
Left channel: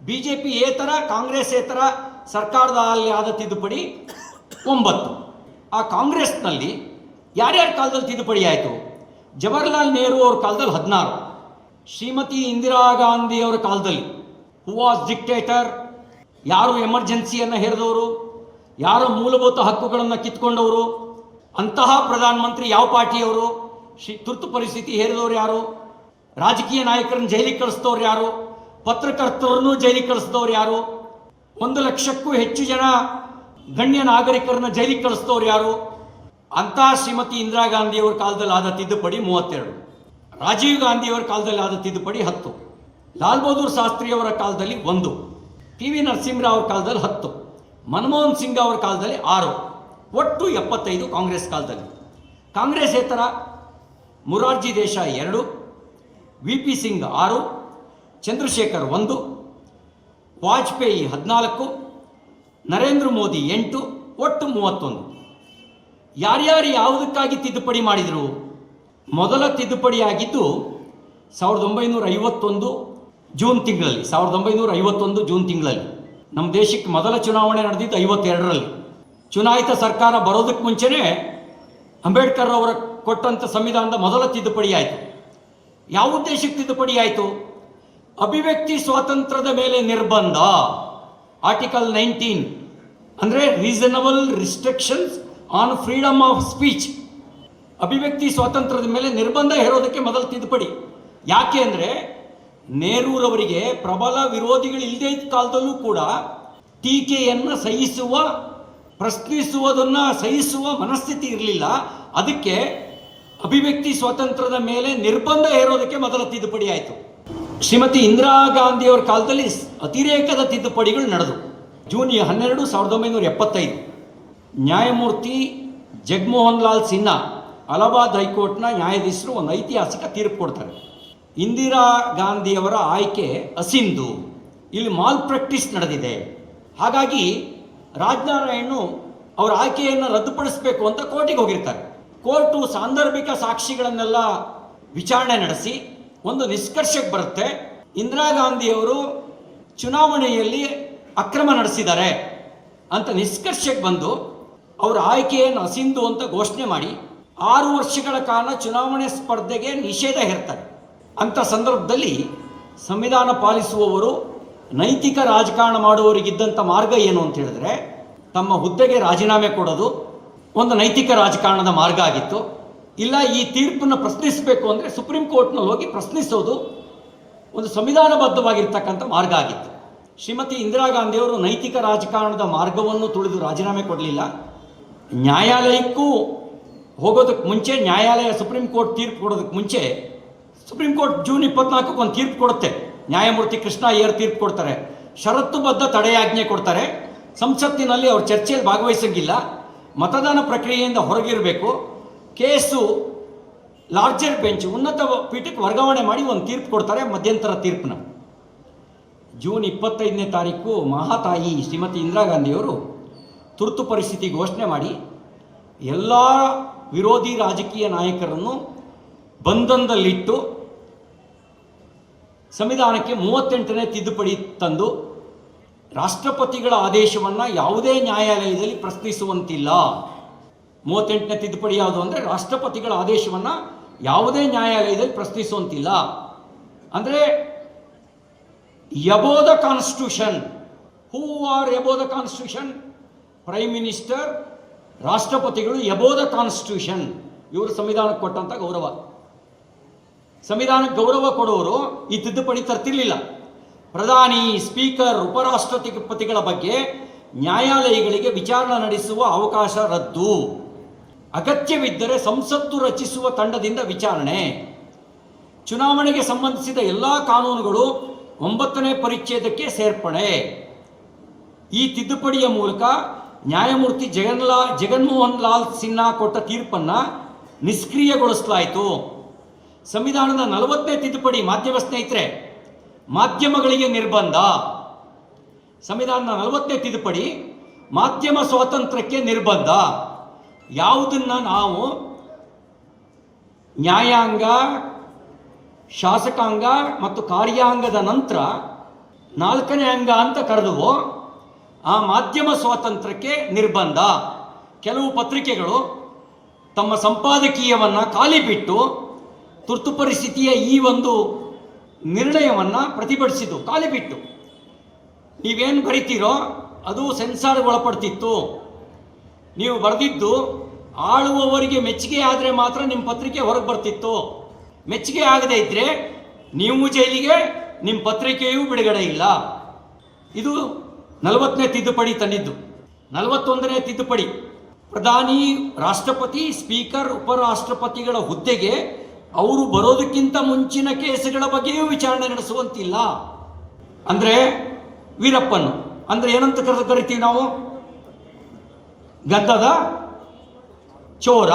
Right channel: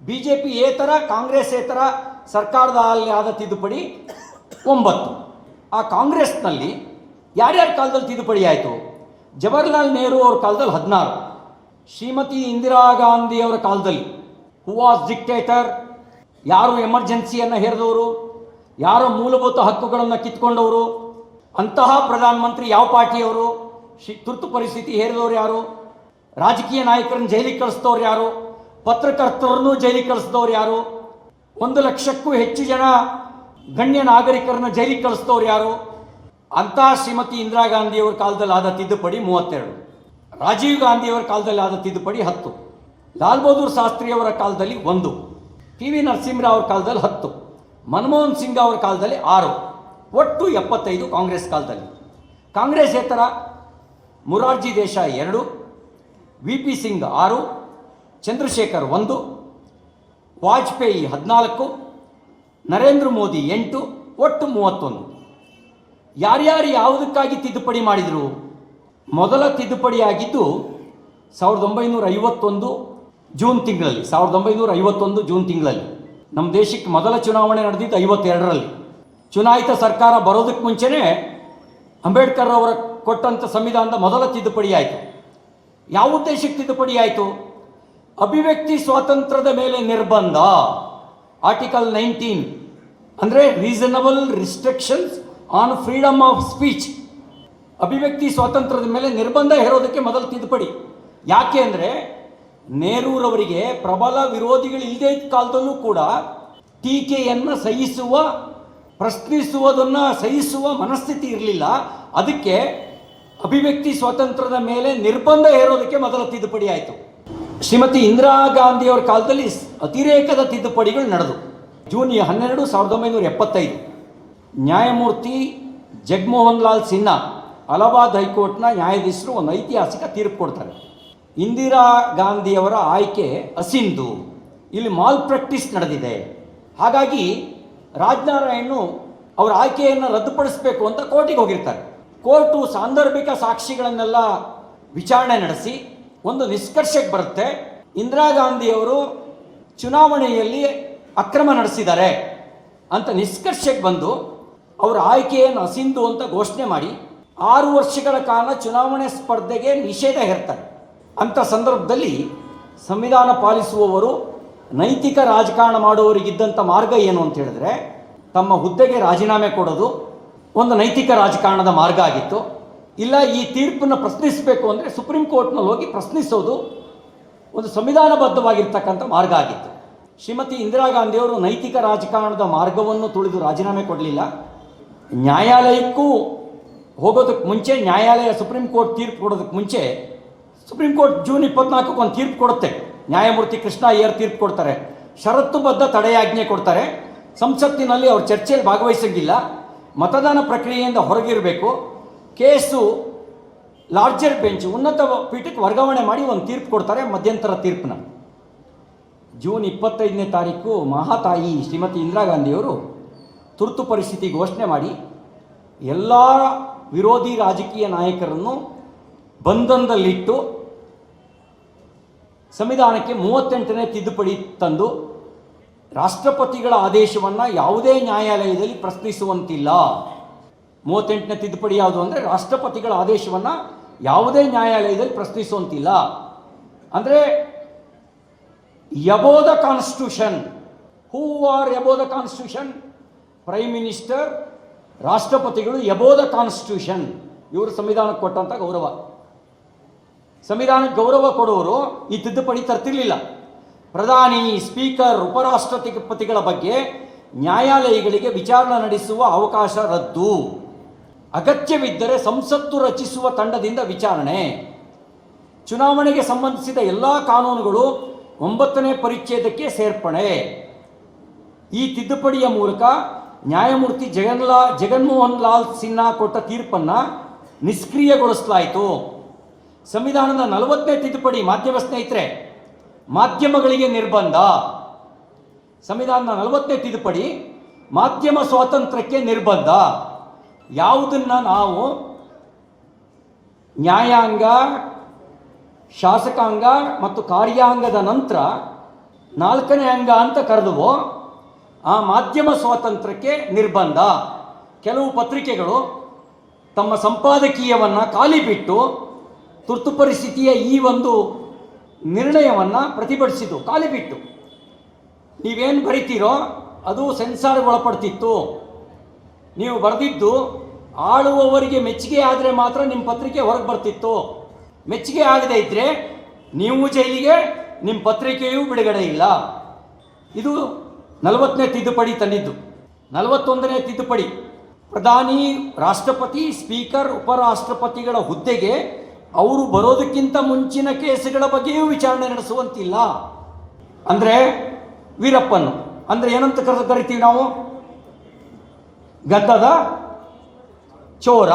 BJP ಏತರ ಕಾಂಗ್ರೆಸ್ಸೇತರ ಸರ್ಕಾರದಲ್ಲಿ ಆದ ತಿದ್ದುಪಡಿ 9. ಆ ಕಾಂಗ್ರೆಸ್ನಲ್ಲಿ ಯಾರ್ಯಾರ ಕಾಲದಲ್ಲಿ ತಿದ್ದುಪಡಿ ಆಯಿತು? ಜವಾಹರ್ಲಾಲ್ ನೆಹರು ಅವರ ಕಾಲದಲ್ಲಿ 16, ಶ್ರೀಮತಿ ಇಂದಿರಾ ಗಾಂಧಿ ಅವರ ಕಾಲದಲ್ಲಿ ಹೂ ವಾಸ್ ಡಿಕ್ಟೇಟರ್, ಯಾರು ಎಮರ್ಜೆನ್ಸಿಯನ್ನು ಹೇರಿದವರು, ಯಾರು ಮೂಲಭೂತ ಹಕ್ಕುಗಳನ್ನು ಕಿತ್ಕೊಂಡವರು, ಅಂತಹ ಪ್ರಧಾನಮಂತ್ರಿ ಯಾವ ಪಾರ್ಟಿಯವರು, ತುರ್ತು ಪರಿಸ್ಥಿತಿ ಹೇರಿದವರು ಯಾರು, ರಾಜಕೀಯ ನಾಯಕರನ್ನು ಜೈಲಿಗೆ ಕಳಿಸಿದವ್ರು ಯಾರು, ಪತ್ರಕರ್ತರನ್ನು ಜೈಲಿಗೆ ಕಳಿಸಿದವ್ರು ಯಾರು, 1 ಲಕ್ಷಕ್ಕೂ ಹೆಚ್ಚು ಜನ ಗಣ್ಯ ನಾಗರಿಕರನ್ನು ಜೈಲಿಗೆ ಕಳಿಸಿದವ್ರು ಯಾರು, ಅಂತಹ ಶ್ರೀಮತಿ ಇಂದಿರಾ ಗಾಂಧಿಯವರ ಕಾಲದಲ್ಲಿ ಆದ ತಿದ್ದುಪಡಿ 32, ರಾಜೀವ್ ಗಾಂಧಿಯವರ ಕಾಲದಲ್ಲಿ ಆದ ತಿದ್ದುಪಡಿ 10, ಲಾಲ್ ಬಹದ್ದೂರ್ ಶಾಸ್ತ್ರಿಯವರ ಕಾಲದಲ್ಲಿ 1, TV ನರಸಿಂಹರಾವ್ ಅವರ ಕಾಲದಲ್ಲಿ 10, ಮನಮೋಹನ್ ಸಿಂಗ್ ಅವರ ಕಾಲದಲ್ಲಿ 6, ಒಟ್ಟು 75 ಕಾಂಗ್ರೆಸ್ ಕಾಲದಲ್ಲಿ. ಕಾಂಗ್ರೆಸ್ಸೇತರ ಮುರಾರ್ಜಿ ದೇಸಾಯಿ 2, VP ಸಿಂಗ್ 6, ಚಂದ್ರಶೇಖರ್ 1, ವಾಜಪೇಯಿ 14, ನರೇಂದ್ರ ಮೋದಿ 8, ಒಟ್ಟು 31. ಯಾರ್ಯಾರು ಯಾವುದಕ್ಕಾಗಿ ತಿದ್ದುಪಡಿ ಮಾಡಿದರು? ಮೊದಲ ತಿದ್ದುಪಡಿ ಆಗಿದ್ದು 1951 ಜೂನ್ ತಿಂಗಳಲ್ಲಿ. 1951 ಜೂನ್ ತಿಂಗಳಲ್ಲಿ ನಮ್ಮ ದೇಶಕ್ಕೆ ಮೊದಲ ಚುನಾವಣೆ ನಡೆದಿದ್ದು 52ರಲ್ಲಿ. ಚುನಾಯಿತ ಸರ್ಕಾರ ಬರೋದಕ್ಕೆ ಮುಂಚೆನೇ ಅಂಬೇಡ್ಕರ್ ಅವರ ಕೊಟ್ಟಂಥ ಸಂವಿಧಾನದ ಮೊದಲ ತಿದ್ದುಪಡಿ ಆಯಿತು. ಯಾವ ಉದ್ದೇಶಕ್ಕೆ ತಿದ್ದುಪಡಿ ಆಯಿತು? ಅಭಿವ್ಯಕ್ತಿ ಸ್ವಾತಂತ್ರ್ಯದ ಮೇಲೆ ನಿರ್ಬಂಧ, ಆರ್ಟಿಕಲ್ 19, ಅಂದರೆ reasonable restrictions on freedom of speech. ಅಭಿವ್ಯಕ್ತಿ ಸ್ವಾತಂತ್ರ್ಯದ ಮೇಲೆ ನಿರ್ಬಂಧ ಹೇರೋದಕ್ಕೆ ಮೊದಲ ತಿದ್ದುಪಡಿ. ಯಾಕೆ ಅಂದರೆ ನೆಹರೂರವರಿಗೆ ಪ್ರಬಲ ವಿರೋಧಿಗಳು ಇಲ್ಲದೇ ಇದ್ದ ಕಾಲದಲ್ಲೂ ಕೂಡ ಟೀಕೆಯನ್ನು ಸಹಿಸುವ, ಪ್ರಶ್ನಿಸುವುದನ್ನು ಸಹಿಸುವ ಮನಸ್ಥಿತಿ ಇರಲಿಲ್ಲ. ಅದಕ್ಕೆ ಅಭಿವ್ಯಕ್ತಿ ಸ್ವಾತಂತ್ರ್ಯದ ಮೇಲೆ ನಿರ್ಬಂಧ ಹೇರೋದಕ್ಕೆ ಮೊದಲ ತಿದ್ದುಪಡಿ ಆಯಿತು. ಶ್ರೀಮತಿ ಇಂದಿರಾ ಗಾಂಧಿಯವರ ಕಾಲದಲ್ಲಿ ಅತಿರೇಕದ ತಿದ್ದುಪಡಿಗಳು ನಡೆದು. ಜೂನ್ 12, 1975 ನ್ಯಾಯಮೂರ್ತಿ ಜಗಮೋಹನ್ ಲಾಲ್ ಸಿನ್ಹಾ ಅಲಹಾಬಾದ್ ಹೈಕೋರ್ಟ್ನ ನ್ಯಾಯಾಧೀಶರು ಒಂದು ಐತಿಹಾಸಿಕ ತೀರ್ಪು ಕೊಡ್ತಾರೆ. ಇಂದಿರಾ ಗಾಂಧಿಯವರ ಆಯ್ಕೆ ಅಸಿಂಧು, ಇಲ್ಲಿ ಮಾಲ್ ಪ್ರಾಕ್ಟೀಸ್ ನಡೆದಿದೆ, ಹಾಗಾಗಿ ರಾಜನಾರಾಯಣ್ ಅವರ ಆಯ್ಕೆಯನ್ನು ರದ್ದುಪಡಿಸಬೇಕು ಅಂತ ಕೋರ್ಟಿಗೆ ಹೋಗಿರ್ತಾರೆ. ಕೋರ್ಟು ಸಾಂದರ್ಭಿಕ ಸಾಕ್ಷಿಗಳನ್ನೆಲ್ಲ ವಿಚಾರಣೆ ನಡೆಸಿ ಒಂದು ನಿಷ್ಕರ್ಷಕ್ಕೆ ಬರುತ್ತೆ, ಇಂದಿರಾ ಗಾಂಧಿಯವರು ಚುನಾವಣೆಯಲ್ಲಿ ಅಕ್ರಮ ನಡೆಸಿದ್ದಾರೆ ಅಂತ ನಿಷ್ಕರ್ಷಕ್ಕೆ ಬಂದು ಅವರ ಆಯ್ಕೆಯನ್ನು ಅಸಿಂಧು ಅಂತ ಘೋಷಣೆ ಮಾಡಿ 6 ವರ್ಷಗಳ ಕಾಲ ಚುನಾವಣೆ ಸ್ಪರ್ಧೆಗೆ ನಿಷೇಧ ಹೇರ್ತಾರೆ. ಅಂಥ ಸಂದರ್ಭದಲ್ಲಿ ಸಂವಿಧಾನ ಪಾಲಿಸುವವರು ನೈತಿಕ ರಾಜಕಾರಣ ಮಾಡುವವರಿಗಿದ್ದಂಥ ಮಾರ್ಗ ಏನು ಅಂತ ಹೇಳಿದ್ರೆ, ತಮ್ಮ ಹುದ್ದೆಗೆ ರಾಜೀನಾಮೆ ಕೊಡೋದು ಒಂದು ನೈತಿಕ ರಾಜಕಾರಣದ ಮಾರ್ಗ ಆಗಿತ್ತು. ಇಲ್ಲ, ಈ ತೀರ್ಪನ್ನು ಪ್ರಶ್ನಿಸಬೇಕು ಅಂದರೆ ಸುಪ್ರೀಂ ಕೋರ್ಟ್ನಲ್ಲಿ ಹೋಗಿ ಪ್ರಶ್ನಿಸೋದು ಒಂದು ಸಂವಿಧಾನಬದ್ಧವಾಗಿರ್ತಕ್ಕಂಥ ಮಾರ್ಗ ಆಗಿತ್ತು. ಶ್ರೀಮತಿ ಇಂದಿರಾ ಗಾಂಧಿಯವರು ನೈತಿಕ ರಾಜಕಾರಣದ ಮಾರ್ಗವನ್ನು ತುಳಿದು ರಾಜೀನಾಮೆ ಕೊಡಲಿಲ್ಲ. ನ್ಯಾಯಾಲಯಕ್ಕೂ ಹೋಗೋದಕ್ಕೆ ಮುಂಚೆ, ನ್ಯಾಯಾಲಯ ಸುಪ್ರೀಂ ಕೋರ್ಟ್ ತೀರ್ಪು ಕೊಡೋದಕ್ಕೆ ಮುಂಚೆ, ಸುಪ್ರೀಂ ಕೋರ್ಟ್ ಜೂನ್ 24 ಒಂದು ತೀರ್ಪು ಕೊಡುತ್ತೆ. ನ್ಯಾಯಮೂರ್ತಿ ಕೃಷ್ಣ ಅಯ್ಯರ್ ತೀರ್ಪು ಕೊಡ್ತಾರೆ, ಷರತ್ತುಬದ್ಧ ತಡೆಯಾಜ್ಞೆ ಕೊಡ್ತಾರೆ. ಸಂಸತ್ತಿನಲ್ಲಿ ಅವ್ರ ಚರ್ಚೆಯಲ್ಲಿ ಭಾಗವಹಿಸಂಗಿಲ್ಲ, ಮತದಾನ ಪ್ರಕ್ರಿಯೆಯಿಂದ ಹೊರಗಿರಬೇಕು, ಕೇಸು ಲಾರ್ಜರ್ ಬೆಂಚ್ ಉನ್ನತ ಪೀಠಕ್ಕೆ ವರ್ಗಾವಣೆ ಮಾಡಿ ಒಂದು ತೀರ್ಪು ಕೊಡ್ತಾರೆ, ಮಧ್ಯಂತರ ತೀರ್ಪನ್ನ. ಜೂನ್ 25ನೇ ತಾರೀಕು ಮಹಾತಾಯಿ ಶ್ರೀಮತಿ ಇಂದಿರಾ ಗಾಂಧಿಯವರು ತುರ್ತು ಪರಿಸ್ಥಿತಿ ಘೋಷಣೆ ಮಾಡಿ ಎಲ್ಲ ವಿರೋಧಿ ರಾಜಕೀಯ ನಾಯಕರನ್ನು ಬಂಧನದಲ್ಲಿಟ್ಟು ಸಂವಿಧಾನಕ್ಕೆ 38ನೇ ತಿದ್ದುಪಡಿ ತಂದು ರಾಷ್ಟ್ರಪತಿಗಳ ಆದೇಶವನ್ನು ಯಾವುದೇ ನ್ಯಾಯಾಲಯದಲ್ಲಿ ಪ್ರಶ್ನಿಸುವಂತಿಲ್ಲ. 38ನೇ ತಿದ್ದುಪಡಿ ಯಾವುದು ಅಂದರೆ ರಾಷ್ಟ್ರಪತಿಗಳ ಆದೇಶವನ್ನು ಯಾವುದೇ ನ್ಯಾಯಾಲಯದಲ್ಲಿ ಪ್ರಶ್ನಿಸುವಂತಿಲ್ಲ. ಅಂದರೆ above the constitution, who are above the constitution? Prime minister, ರಾಷ್ಟ್ರಪತಿಗಳು ಎಬೋ ದ ಕಾನ್ಸ್ಟಿಟ್ಯೂಷನ್. ಇವರು ಸಂವಿಧಾನಕ್ಕೆ ಕೊಟ್ಟಂತ ಗೌರವ. ಸಂವಿಧಾನಕ್ಕೆ ಗೌರವ ಕೊಡುವವರು ಈ ತಿದ್ದುಪಡಿ ತರ್ತಿರ್ಲಿಲ್ಲ. ಪ್ರಧಾನಿ, ಸ್ಪೀಕರ್, ಉಪರಾಷ್ಟ್ರಪತಿಗಳ ಬಗ್ಗೆ ನ್ಯಾಯಾಲಯಗಳಿಗೆ ವಿಚಾರಣೆ ನಡೆಸುವ ಅವಕಾಶ ರದ್ದು. ಅಗತ್ಯವಿದ್ದರೆ ಸಂಸತ್ತು ರಚಿಸುವ ತಂಡದಿಂದ ವಿಚಾರಣೆ. ಚುನಾವಣೆಗೆ ಸಂಬಂಧಿಸಿದ ಎಲ್ಲ ಕಾನೂನುಗಳು 9ನೇ ಪರಿಚ್ಛೇದಕ್ಕೆ ಸೇರ್ಪಡೆ. ಈ ತಿದ್ದುಪಡಿಯ ಮೂಲಕ ನ್ಯಾಯಮೂರ್ತಿ ಜಗನ್ಮೋಹನ್ ಲಾಲ್ ಸಿನ್ಹಾ ಕೊಟ್ಟ ತೀರ್ಪನ್ನು ನಿಷ್ಕ್ರಿಯಗೊಳಿಸಲಾಯಿತು. ಸಂವಿಧಾನದ 40ನೇ ತಿದ್ದುಪಡಿ, ಮಾಧ್ಯಮ ಸ್ನೇಹಿತರೆ, ಮಾಧ್ಯಮಗಳಿಗೆ ನಿರ್ಬಂಧ. ಸಂವಿಧಾನದ 40ನೇ ತಿದ್ದುಪಡಿ ಮಾಧ್ಯಮ ಸ್ವಾತಂತ್ರ್ಯಕ್ಕೆ ನಿರ್ಬಂಧ. ಯಾವುದನ್ನ ನಾವು ನ್ಯಾಯಾಂಗ, ಶಾಸಕಾಂಗ ಮತ್ತು ಕಾರ್ಯಾಂಗದ ನಂತರ 4ನೇ ಅಂಗ ಅಂತ ಕರೆದುವೋ ಆ ಮಾಧ್ಯಮ ಸ್ವಾತಂತ್ರ್ಯಕ್ಕೆ ನಿರ್ಬಂಧ. ಕೆಲವು ಪತ್ರಿಕೆಗಳು ತಮ್ಮ ಸಂಪಾದಕೀಯವನ್ನು ಖಾಲಿ ಬಿಟ್ಟು ತುರ್ತು ಪರಿಸ್ಥಿತಿಯ ಈ ಒಂದು ನಿರ್ಣಯವನ್ನು ಪ್ರತಿಭಟಿಸಿದ್ದು. ಖಾಲಿ ಬಿಟ್ಟು ನೀವೇನು ಬರಿತೀರೋ ಅದು ಸೆನ್ಸಾರ್ಗೆ ಒಳಪಡ್ತಿತ್ತು. ನೀವು ಬರೆದಿದ್ದು ಆಳುವವರಿಗೆ ಮೆಚ್ಚುಗೆ ಆದರೆ ಮಾತ್ರ ನಿಮ್ಮ ಪತ್ರಿಕೆ ಹೊರಗೆ ಬರ್ತಿತ್ತು. ಮೆಚ್ಚುಗೆ ಆಗದೇ ಇದ್ದರೆ ನೀವು ಜೈಲಿಗೆ, ನಿಮ್ಮ ಪತ್ರಿಕೆಯೂ ಬಿಡುಗಡೆ ಇಲ್ಲ. ಇದು 40ನೇ ತಿದ್ದುಪಡಿ ತಂದಿದ್ದು. 41ನೇ ತಿದ್ದುಪಡಿ, ಪ್ರಧಾನಿ, ರಾಷ್ಟ್ರಪತಿ, ಸ್ಪೀಕರ್, ಉಪರಾಷ್ಟ್ರಪತಿಗಳ ಹುದ್ದೆಗೆ ಅವರು ಬರೋದಕ್ಕಿಂತ ಮುಂಚಿನ ಕೇಸುಗಳ ಬಗ್ಗೆಯೂ ವಿಚಾರಣೆ ನಡೆಸುವಂತಿಲ್ಲ. ಅಂದರೆ ವೀರಪ್ಪನ್ ಅಂದರೆ ಏನಂತ ಕರಿತೀವಿ ನಾವು? ಗದ್ದದ ಚೋರ,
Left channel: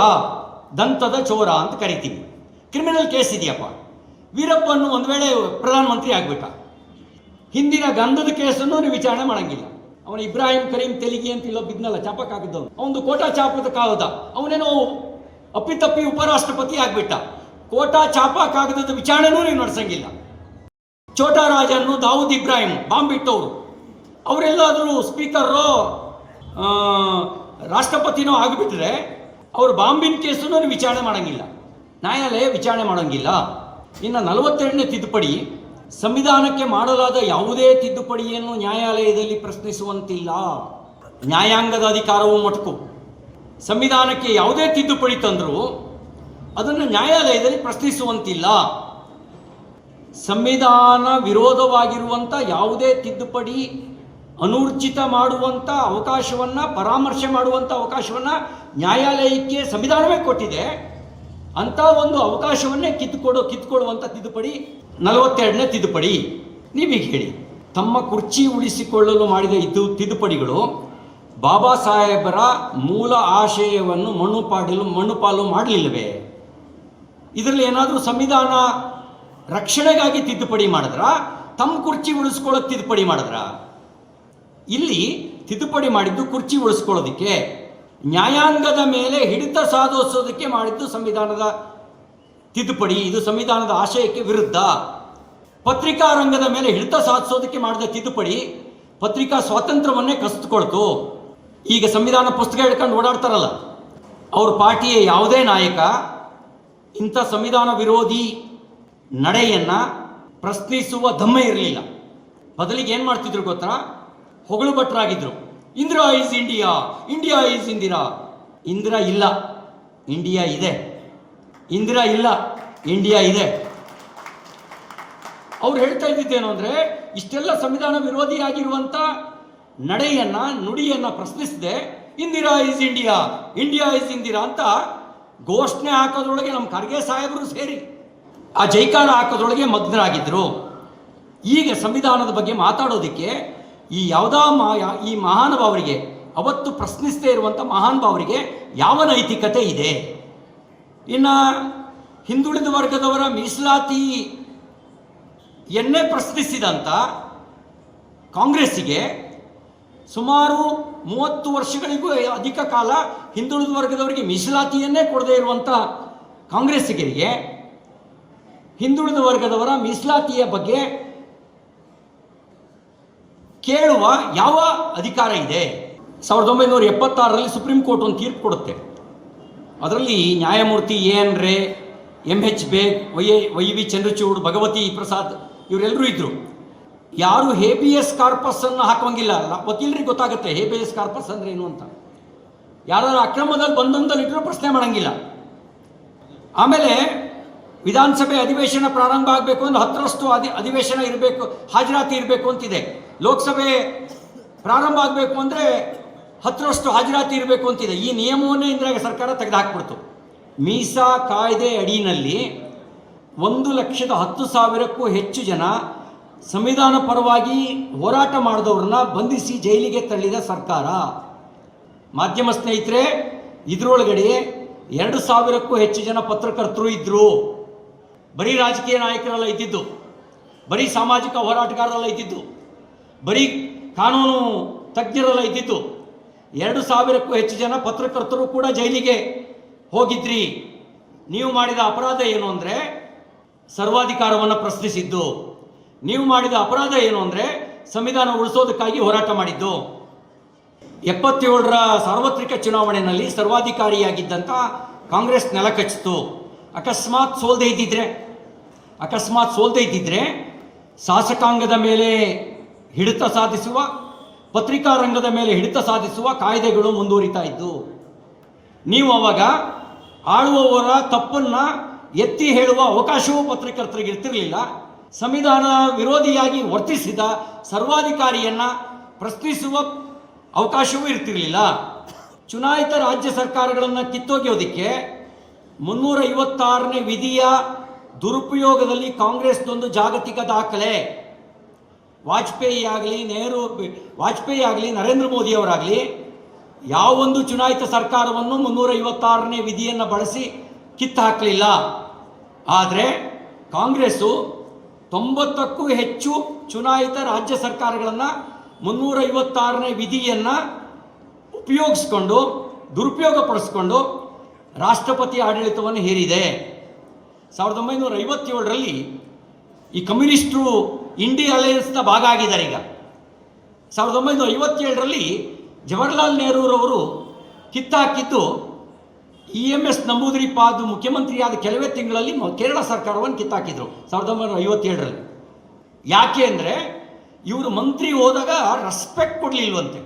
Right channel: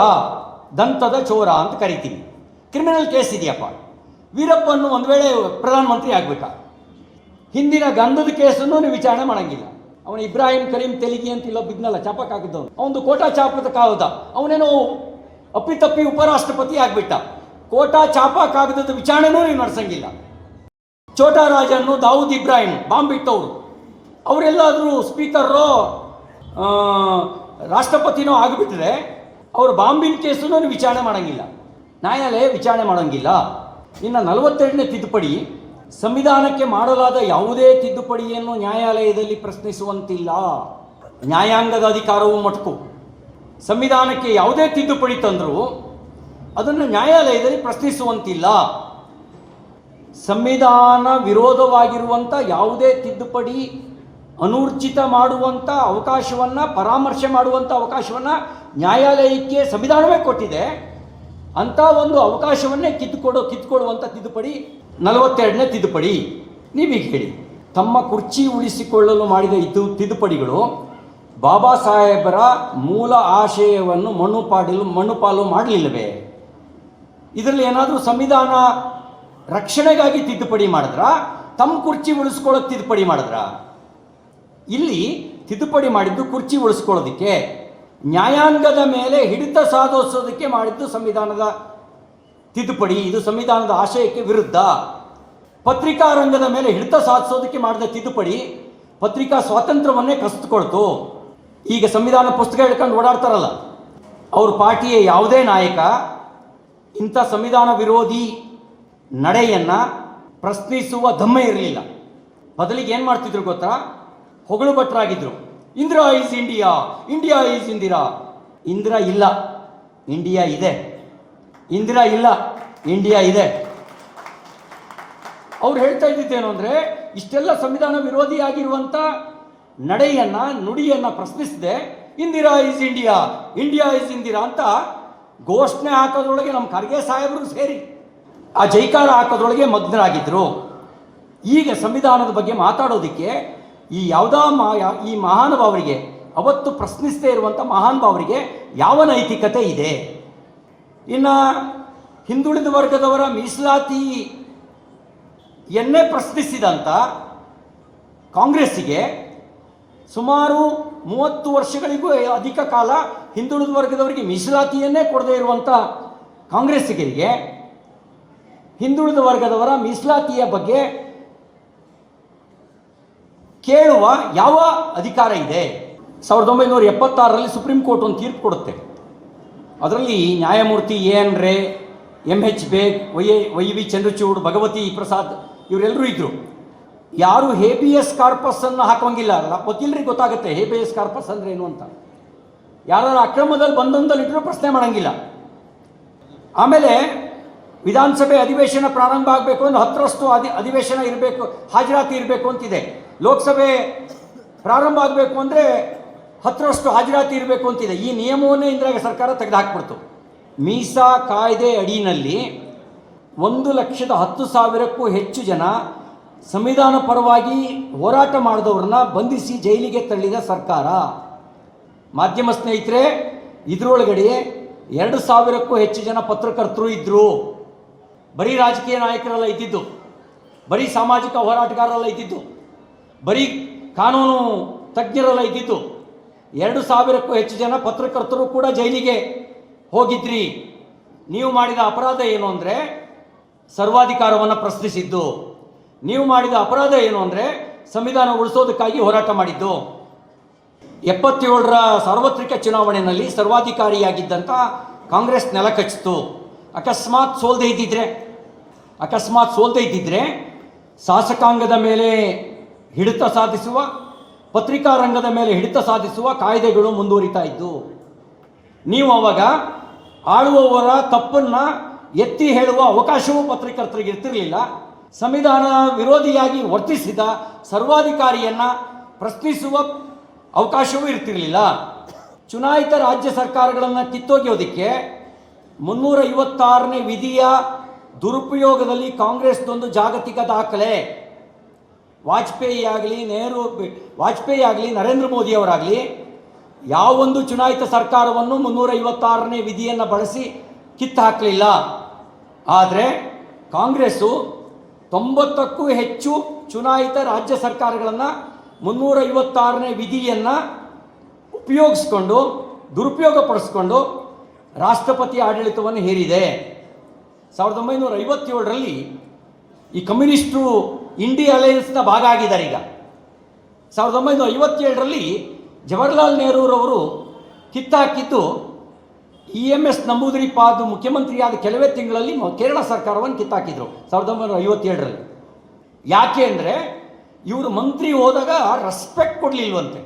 ದಂತದ ಚೋರ ಅಂತ ಕರಿತೀವಿ. ಕ್ರಿಮಿನಲ್ ಕೇಸ್ ಇದೆಯಪ್ಪ. ವೀರಪ್ಪನ್ನು ಒಂದು ವೇಳೆ ಪ್ರಧಾನಮಂತ್ರಿ ಆಗ್ಬಿಟ್ಟ, ಹಿಂದಿನ ಗಂಧದ ಕೇಸನ್ನು ನೀವು ವಿಚಾರಣೆ ಮಾಡಂಗಿಲ್ಲ. ಅವನು ಇಬ್ರಾಹಿಂ ಕರೀಂ ತೆಲಿಗಿ ಅಂತ ಇಲ್ಲೋ ಬಿದ್ನಲ್ಲ, ಚಾಪಕ್ಕಾಗಿದ್ದವನು, ಅವನು ಕೋಟಾ ಚಾಪದ ಕಾಗದ, ಅವನೇನೋ ಅಪ್ಪಿತಪ್ಪಿ ಉಪರಾಷ್ಟ್ರಪತಿ ಆಗ್ಬಿಟ್ಟ. ಕೋಟಾ ಚಾಪ ಕಾಗದದ ವಿಚಾರಣೆನೂ ನೀವು ನಡೆಸಂಗಿಲ್ಲ. ಛೋಟಾ ರಾಜನ್ನು, ದಾವೂದ್ ಇಬ್ರಾಹಿಂ ಬಾಂಬ್ ಇಟ್ಟವರು, ಅವರೆಲ್ಲಾದರೂ ಸ್ಪೀಕರೋ ರಾಷ್ಟ್ರಪತಿನೋ ಆಗಿಬಿಟ್ರೆ ಅವರು ಬಾಂಬಿನ ಕೇಸನ್ನು ವಿಚಾರಣೆ ಮಾಡಂಗಿಲ್ಲ, ನ್ಯಾಯಾಲಯ ವಿಚಾರಣೆ ಮಾಡಂಗಿಲ್ಲ. ಇನ್ನು 42ನೇ ತಿದ್ದುಪಡಿ, ಸಂವಿಧಾನಕ್ಕೆ ಮಾಡಲಾದ ಯಾವುದೇ ತಿದ್ದುಪಡಿಯನ್ನು ನ್ಯಾಯಾಲಯದಲ್ಲಿ ಪ್ರಶ್ನಿಸುವಂತಿಲ್ಲ. ನ್ಯಾಯಾಂಗದ ಅಧಿಕಾರವು ಮೊಟಕು. ಸಂವಿಧಾನಕ್ಕೆ ಯಾವುದೇ ತಿದ್ದುಪಡಿ ತಂದರೂ ಅದನ್ನು ನ್ಯಾಯಾಲಯದಲ್ಲಿ ಪ್ರಶ್ನಿಸುವಂತಿಲ್ಲ. ಸಂವಿಧಾನ ವಿರೋಧವಾಗಿರುವಂಥ ಯಾವುದೇ ತಿದ್ದುಪಡಿ ಅನೂರ್ಜಿತ ಮಾಡುವಂಥ ಅವಕಾಶವನ್ನು, ಪರಾಮರ್ಶೆ ಮಾಡುವಂಥ ಅವಕಾಶವನ್ನು ನ್ಯಾಯಾಲಯಕ್ಕೆ ಸಂವಿಧಾನವೇ ಕೊಟ್ಟಿದೆ. ಅಂಥ ಒಂದು ಅವಕಾಶವನ್ನೇ ಕಿತ್ತುಕೊಡುವಂಥ ತಿದ್ದುಪಡಿ 42ನೇ ತಿದ್ದುಪಡಿ. ನೀವೀಗ ಹೇಳಿ, ತಮ್ಮ ಕುರ್ಚಿ ಉಳಿಸಿಕೊಳ್ಳಲು ಮಾಡಿದ ತಿದ್ದುಪಡಿಗಳು ಬಾಬಾ ಸಾಹೇಬರ ಮೂಲ ಆಶಯವನ್ನು ಮಣ್ಣುಪಾಲು ಮಾಡಲಿಲ್ಲವೇ? ಇದರಲ್ಲಿ ಏನಾದರೂ ಸಂವಿಧಾನ ರಕ್ಷಣೆಗಾಗಿ ತಿದ್ದುಪಡಿ ಮಾಡಿದ್ರ, ತಮ್ಮ ಕುರ್ಚಿ ಉಳಿಸ್ಕೊಳ್ಳೋಕೆ ತಿದ್ದುಪಡಿ ಮಾಡಿದ್ರ? ಇಲ್ಲಿ ತಿದ್ದುಪಡಿ ಮಾಡಿದ್ದು ಕುರ್ಚಿ ಉಳಿಸ್ಕೊಳ್ಳೋದಕ್ಕೆ, ನ್ಯಾಯಾಂಗದ ಮೇಲೆ ಹಿಡಿತ ಸಾಧಿಸೋದಕ್ಕೆ ಮಾಡಿದ್ದು ಸಂವಿಧಾನದ ತಿದ್ದುಪಡಿ. ಇದು ಸಂವಿಧಾನದ ಆಶಯಕ್ಕೆ ವಿರುದ್ಧ. ಪತ್ರಿಕಾ ರಂಗದ ಮೇಲೆ ಹಿಡಿತ ಸಾಧಿಸೋದಕ್ಕೆ ಮಾಡಿದ ತಿದ್ದುಪಡಿ ಪತ್ರಿಕಾ ಸ್ವಾತಂತ್ರ್ಯವನ್ನೇ ಕಸಿದುಕೊಳ್ತು. ಈಗ ಸಂವಿಧಾನ ಪುಸ್ತಕ ಹಿಡ್ಕೊಂಡು ಓಡಾಡ್ತಾರಲ್ಲ, ಅವ್ರ ಪಾರ್ಟಿಯ ಯಾವುದೇ ನಾಯಕ ಇಂಥ ಸಂವಿಧಾನ ವಿರೋಧಿ ನಡೆಯನ್ನು ಪ್ರಶ್ನಿಸುವ ದಮ್ಮೆ ಇರಲಿಲ್ಲ. ಬದಲಿಗೆ ಏನು ಮಾಡ್ತಿದ್ರು ಗೊತ್ತಾ? ಹೊಗಳು ಭಟ್ರಾಗಿದ್ರು. Indira is India, India is Indira. Indira ಇಲ್ಲ, ಇಂಡಿಯಾ ಇದೆ. ಇಂದಿರಾ ಇಲ್ಲ, ಇಂಡಿಯಾ ಇದೆ. ಅವ್ರು ಹೇಳ್ತಾ ಇದ್ದಿದ್ದೇನು ಅಂದರೆ, ಇಷ್ಟೆಲ್ಲ ಸಂವಿಧಾನ ವಿರೋಧಿಯಾಗಿರುವಂಥ ನಡೆಯನ್ನು, ನುಡಿಯನ್ನು ಪ್ರಶ್ನಿಸದೆ Indira is India, India is Indira ಅಂತ ಘೋಷಣೆ ಹಾಕೋದ್ರೊಳಗೆ ನಮ್ಮ ಖರ್ಗೆ ಸಾಹೇಬರು ಸೇರಿ ಆ ಜೈಕಾರ ಹಾಕೋದ್ರೊಳಗೆ ಮಗ್ನರಾಗಿದ್ದರು. ಈಗ ಸಂವಿಧಾನದ ಬಗ್ಗೆ ಮಾತಾಡೋದಕ್ಕೆ ಈ ಮಹಾನುಭಾವರಿಗೆ, ಅವತ್ತು ಪ್ರಶ್ನಿಸದೇ ಇರುವಂಥ ಮಹಾನುಭಾವರಿಗೆ ಯಾವ ನೈತಿಕತೆ ಇದೆ? ಇನ್ನು ಹಿಂದುಳಿದ ವರ್ಗದವರ ಮೀಸಲಾತಿಯನ್ನೇ ಪ್ರಶ್ನಿಸಿದಂಥ ಕಾಂಗ್ರೆಸ್ಸಿಗೆ, ಸುಮಾರು 30 ವರ್ಷಗಳಿಗೂ ಅಧಿಕ ಕಾಲ ಹಿಂದುಳಿದ ವರ್ಗದವರಿಗೆ ಮೀಸಲಾತಿಯನ್ನೇ ಕೊಡದೇ ಇರುವಂಥ ಕಾಂಗ್ರೆಸ್ಸಿಗರಿಗೆ ಹಿಂದುಳಿದ ವರ್ಗದವರ ಮೀಸಲಾತಿಯ ಬಗ್ಗೆ ಕೇಳುವ ಯಾವ ಅಧಿಕಾರ ಇದೆ? 1976ರಲ್ಲಿ ಸುಪ್ರೀಂ ಕೋರ್ಟ್ ಒಂದು ತೀರ್ಪು ಕೊಡುತ್ತೆ. ಅದರಲ್ಲಿ ನ್ಯಾಯಮೂರ್ತಿ ಎನ್ ರೇ, MH Baig, why we Chandrachud, Bhagavati Prasad ಇವರೆಲ್ಲರೂ ಇದ್ದರು. ಯಾರು ಹೇಬಿಯಸ್ ಕಾರ್ಪಸ್ ಅನ್ನು ಹಾಕೋಂಗಿಲ್ಲ. ವಕೀಲರಿಗೆ ಗೊತ್ತಾಗುತ್ತೆ ಹೇಬಿಯಸ್ ಕಾರ್ಪಸ್ ಅಂದ್ರೆ ಏನು ಅಂತ. ಯಾರಾದ್ರೂ ಅಕ್ರಮದಲ್ಲಿ ಬಂಧನದಲ್ಲಿ ಇಟ್ಟರು ಪ್ರಶ್ನೆ ಮಾಡಂಗಿಲ್ಲ. ಆಮೇಲೆ ವಿಧಾನಸಭೆ ಅಧಿವೇಶನ ಪ್ರಾರಂಭ ಆಗಬೇಕು ಅಂದ್ರೆ 10ರಷ್ಟು ಅಧಿವೇಶನ ಇರಬೇಕು, ಹಾಜರಾತಿ ಇರಬೇಕು ಅಂತಿದೆ. ಲೋಕಸಭೆ ಪ್ರಾರಂಭ ಆಗಬೇಕು ಅಂದರೆ 10ರಷ್ಟು ಹಾಜರಾತಿ ಇರಬೇಕು ಅಂತಿದೆ. ಈ ನಿಯಮವನ್ನೇ ಇಂದಿರಾ ಸರ್ಕಾರ ತೆಗೆದುಹಾಕ್ಬಿಡ್ತು. ಮೀಸಾ ಕಾಯ್ದೆ ಅಡಿಯಲ್ಲಿ 1,10,000ಕ್ಕೂ ಹೆಚ್ಚು ಜನ ಸಂವಿಧಾನ ಪರವಾಗಿ ಹೋರಾಟ ಮಾಡಿದವ್ರನ್ನ ಬಂಧಿಸಿ ಜೈಲಿಗೆ ತಳ್ಳಿದ ಸರ್ಕಾರ. ಮಾಧ್ಯಮ ಸ್ನೇಹಿತರೆ, ಇದರೊಳಗಡೆ 2,000ಕ್ಕೂ ಹೆಚ್ಚು ಜನ ಪತ್ರಕರ್ತರು ಇದ್ದರು. ಬರೀ ರಾಜಕೀಯ ನಾಯಕರೆಲ್ಲ ಇದ್ದಿದ್ದು, ಬರೀ ಸಾಮಾಜಿಕ ಹೋರಾಟಗಾರರೆಲ್ಲ ಇದ್ದಿದ್ದು, ಬರೀ ಕಾನೂನು ತಜ್ಞರೆಲ್ಲ ಇದ್ದಿದ್ದು. 2,000ಕ್ಕೂ ಹೆಚ್ಚು ಜನ ಪತ್ರಕರ್ತರು ಕೂಡ ಜೈಲಿಗೆ ಹೋಗಿದ್ರಿ. ನೀವು ಮಾಡಿದ ಅಪರಾಧ ಏನು ಅಂದರೆ ಸರ್ವಾಧಿಕಾರವನ್ನು ಪ್ರಶ್ನಿಸಿದ್ದು. ನೀವು ಮಾಡಿದ ಅಪರಾಧ ಏನು ಅಂದರೆ ಸಂವಿಧಾನ ಉಳಿಸೋದಕ್ಕಾಗಿ ಹೋರಾಟ ಮಾಡಿದ್ದು. 77ರ ಸಾರ್ವತ್ರಿಕ ಚುನಾವಣೆಯಲ್ಲಿ ಸರ್ವಾಧಿಕಾರಿಯಾಗಿದ್ದಂಥ ಕಾಂಗ್ರೆಸ್ ನೆಲ ಕಚ್ಚಿತು. ಅಕಸ್ಮಾತ್ ಸೋಲ್ದೇ ಇದ್ದಿದ್ರೆ ಶಾಸಕಾಂಗದ ಮೇಲೆ ಹಿಡಿತ ಸಾಧಿಸುವ, ಪತ್ರಿಕಾ ರಂಗದ ಮೇಲೆ ಹಿಡಿತ ಸಾಧಿಸುವ ಕಾಯ್ದೆಗಳು ಮುಂದುವರಿತಾ ಇದ್ದು. ನೀವು ಅವಾಗ ಆಳುವವರ ತಪ್ಪನ್ನು ಎತ್ತಿ ಹೇಳುವ ಅವಕಾಶವೂ ಪತ್ರಕರ್ತರಿಗೆ ಇರ್ತಿರಲಿಲ್ಲ. ಸಂವಿಧಾನ ವಿರೋಧಿಯಾಗಿ ವರ್ತಿಸಿದ ಸರ್ವಾಧಿಕಾರಿಯನ್ನು ಪ್ರಶ್ನಿಸುವ ಅವಕಾಶವೂ ಇರ್ತಿರಲಿಲ್ಲ. ಚುನಾಯಿತ ರಾಜ್ಯ ಸರ್ಕಾರಗಳನ್ನು ಕಿತ್ತೊಗೆಯೋದಕ್ಕೆ 356ನೇ ವಿಧಿಯ ದುರುಪಯೋಗದಲ್ಲಿ ಕಾಂಗ್ರೆಸ್ದೊಂದು ಜಾಗತಿಕ ದಾಖಲೆ. ವಾಜಪೇಯಿ ಆಗಲಿ ನರೇಂದ್ರ ಮೋದಿಯವರಾಗಲಿ ಯಾವೊಂದು ಚುನಾಯಿತ ಸರ್ಕಾರವನ್ನು 356ನೇ ವಿಧಿಯನ್ನು ಬಳಸಿ ಕಿತ್ತು ಹಾಕಲಿಲ್ಲ. ಆದರೆ ಕಾಂಗ್ರೆಸ್ಸು 90ಕ್ಕೂ ಹೆಚ್ಚು ಚುನಾಯಿತ ರಾಜ್ಯ ಸರ್ಕಾರಗಳನ್ನು 356ನೇ ವಿಧಿಯನ್ನು ಉಪಯೋಗಿಸ್ಕೊಂಡು, ದುರುಪಯೋಗಪಡಿಸ್ಕೊಂಡು ರಾಷ್ಟ್ರಪತಿ ಆಡಳಿತವನ್ನು ಹೇರಿದೆ. 1957ರಲ್ಲಿ ಈ ಕಮ್ಯುನಿಸ್ಟರು ಇಂಡಿಯಾ ಅಲಯನ್ಸ್ನ ಭಾಗ ಆಗಿದ್ದಾರೆ. ಈಗ 1957ರಲ್ಲಿ ಜವಾಹರ್ಲಾಲ್ ನೆಹರೂರವರು ಕಿತ್ತಾಕಿದ್ದು EMS ನಂಬೂದಿರಿಪಾದ್ ಮುಖ್ಯಮಂತ್ರಿಯಾದ ಕೆಲವೇ ತಿಂಗಳಲ್ಲಿ ಕೇರಳ ಸರ್ಕಾರವನ್ನು ಕಿತ್ತಾಕಿದ್ರು 1957ರಲ್ಲಿ. ಯಾಕೆ ಅಂದರೆ ಇವರು ಮಂತ್ರಿ ಹೋದಾಗ ರೆಸ್ಪೆಕ್ಟ್ ಕೊಡಲಿಲ್ವಂತೆ.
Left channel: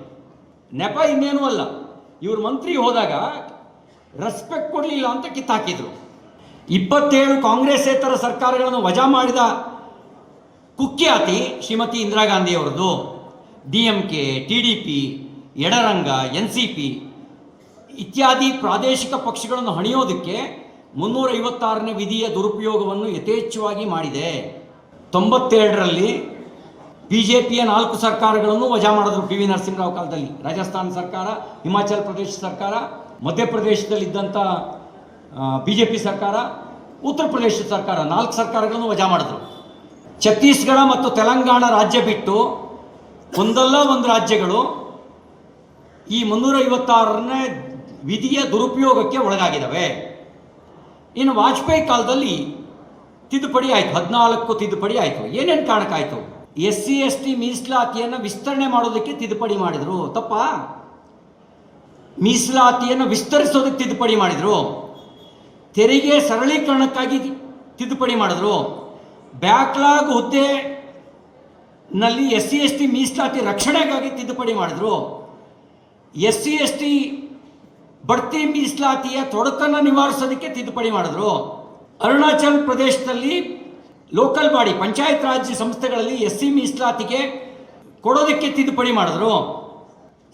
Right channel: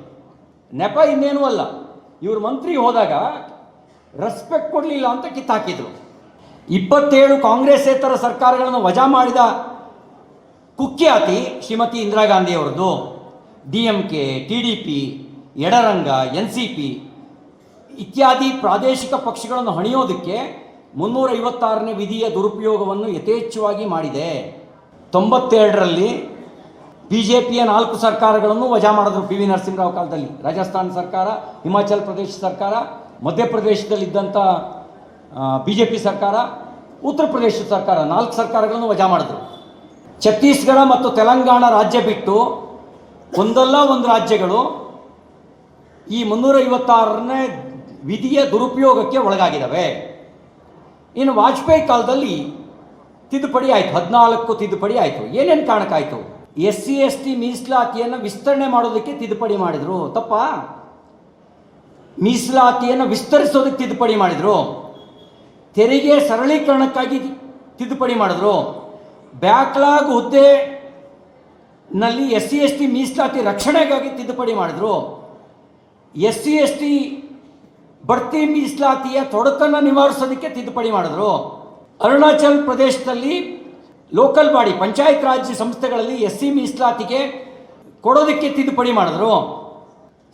ನೆಪ ಇನ್ನೇನೂ ಅಲ್ಲ, ಇವರು ಮಂತ್ರಿ ಹೋದಾಗ ರೆಸ್ಪೆಕ್ಟ್ ಕೊಡಲಿಲ್ಲ ಅಂತ ಕಿತ್ತಾಕಿದ್ರು. 27 ಕಾಂಗ್ರೆಸ್ಸೇತರ ಸರ್ಕಾರಗಳನ್ನು ವಜಾ ಮಾಡಿದ ಕುಖ್ಯಾತಿ ಶ್ರೀಮತಿ ಇಂದಿರಾ ಗಾಂಧಿ ಅವರದು. DMK, TDP, ಎಡರಂಗ, NCP ಇತ್ಯಾದಿ ಪ್ರಾದೇಶಿಕ ಪಕ್ಷಗಳನ್ನು ಹಣಿಯೋದಕ್ಕೆ 356ನೇ ವಿಧಿಯ ದುರುಪಯೋಗವನ್ನು ಯಥೇಚ್ಛವಾಗಿ ಮಾಡಿದೆ. 92ರಲ್ಲಿ BJPಯ 4 ಸರ್ಕಾರಗಳನ್ನು ವಜಾ ಮಾಡಿದ್ರು. PV ನರಸಿಂಹರಾವ್ ಕಾಲದಲ್ಲಿ ರಾಜಸ್ಥಾನ ಸರ್ಕಾರ, ಹಿಮಾಚಲ ಪ್ರದೇಶ ಸರ್ಕಾರ, ಮಧ್ಯಪ್ರದೇಶದಲ್ಲಿದ್ದಂಥ BJP ಸರ್ಕಾರ, ಉತ್ತರ ಪ್ರದೇಶ ಸರ್ಕಾರ 4 ಸರ್ಕಾರಗಳನ್ನು ವಜಾ ಮಾಡಿದ್ರು. ಛತ್ತೀಸ್ಗಢ ಮತ್ತು ತೆಲಂಗಾಣ ರಾಜ್ಯ ಬಿಟ್ಟು ಒಂದಲ್ಲ ಒಂದು ರಾಜ್ಯಗಳು ಈ 356ನೇ ವಿಧಿಯ ದುರುಪಯೋಗಕ್ಕೆ ಒಳಗಾಗಿದ್ದಾವೆ. ಇನ್ನು ವಾಜಪೇಯಿ ಕಾಲದಲ್ಲಿ ತಿದ್ದುಪಡಿ ಆಯಿತು, 14 ತಿದ್ದುಪಡಿ ಆಯಿತು. ಏನೇನು ಕಾರಣಕ್ಕಾಯಿತು? SC/ST ಮೀಸಲಾತಿಯನ್ನು ವಿಸ್ತರಣೆ ಮಾಡೋದಕ್ಕೆ ತಿದ್ದುಪಡಿ ಮಾಡಿದ್ರು. ತಪ್ಪ? ಮೀಸಲಾತಿಯನ್ನು ವಿಸ್ತರಿಸೋದಕ್ಕೆ ತಿದ್ದುಪಡಿ ಮಾಡಿದ್ರು. ತೆರಿಗೆ ಸರಳೀಕರಣಕ್ಕಾಗಿ ತಿದ್ದುಪಡಿ ಮಾಡಿದ್ರು. ಬ್ಯಾಕ್ಲಾಗ್ ಹುದ್ದೆನಲ್ಲಿ SC/ST ಮೀಸಲಾತಿ ರಕ್ಷಣೆಗಾಗಿ ತಿದ್ದುಪಡಿ ಮಾಡಿದ್ರು. SC/ST ಬಡ್ತಿ ಮೀಸಲಾತಿಯ ತೊಡಕನ್ನು ನಿವಾರಿಸೋದಕ್ಕೆ ತಿದ್ದುಪಡಿ ಮಾಡಿದ್ರು. ಅರುಣಾಚಲ್ ಪ್ರದೇಶದಲ್ಲಿ ಲೋಕಲ್ ಬಾಡಿ ಪಂಚಾಯತ್ ರಾಜ್ ಸಂಸ್ಥೆಗಳಲ್ಲಿ SC ಮೀಸಲಾತಿಗೆ ಕೊಡೋದಕ್ಕೆ ತಿದ್ದುಪಡಿ ಮಾಡಿದ್ರು.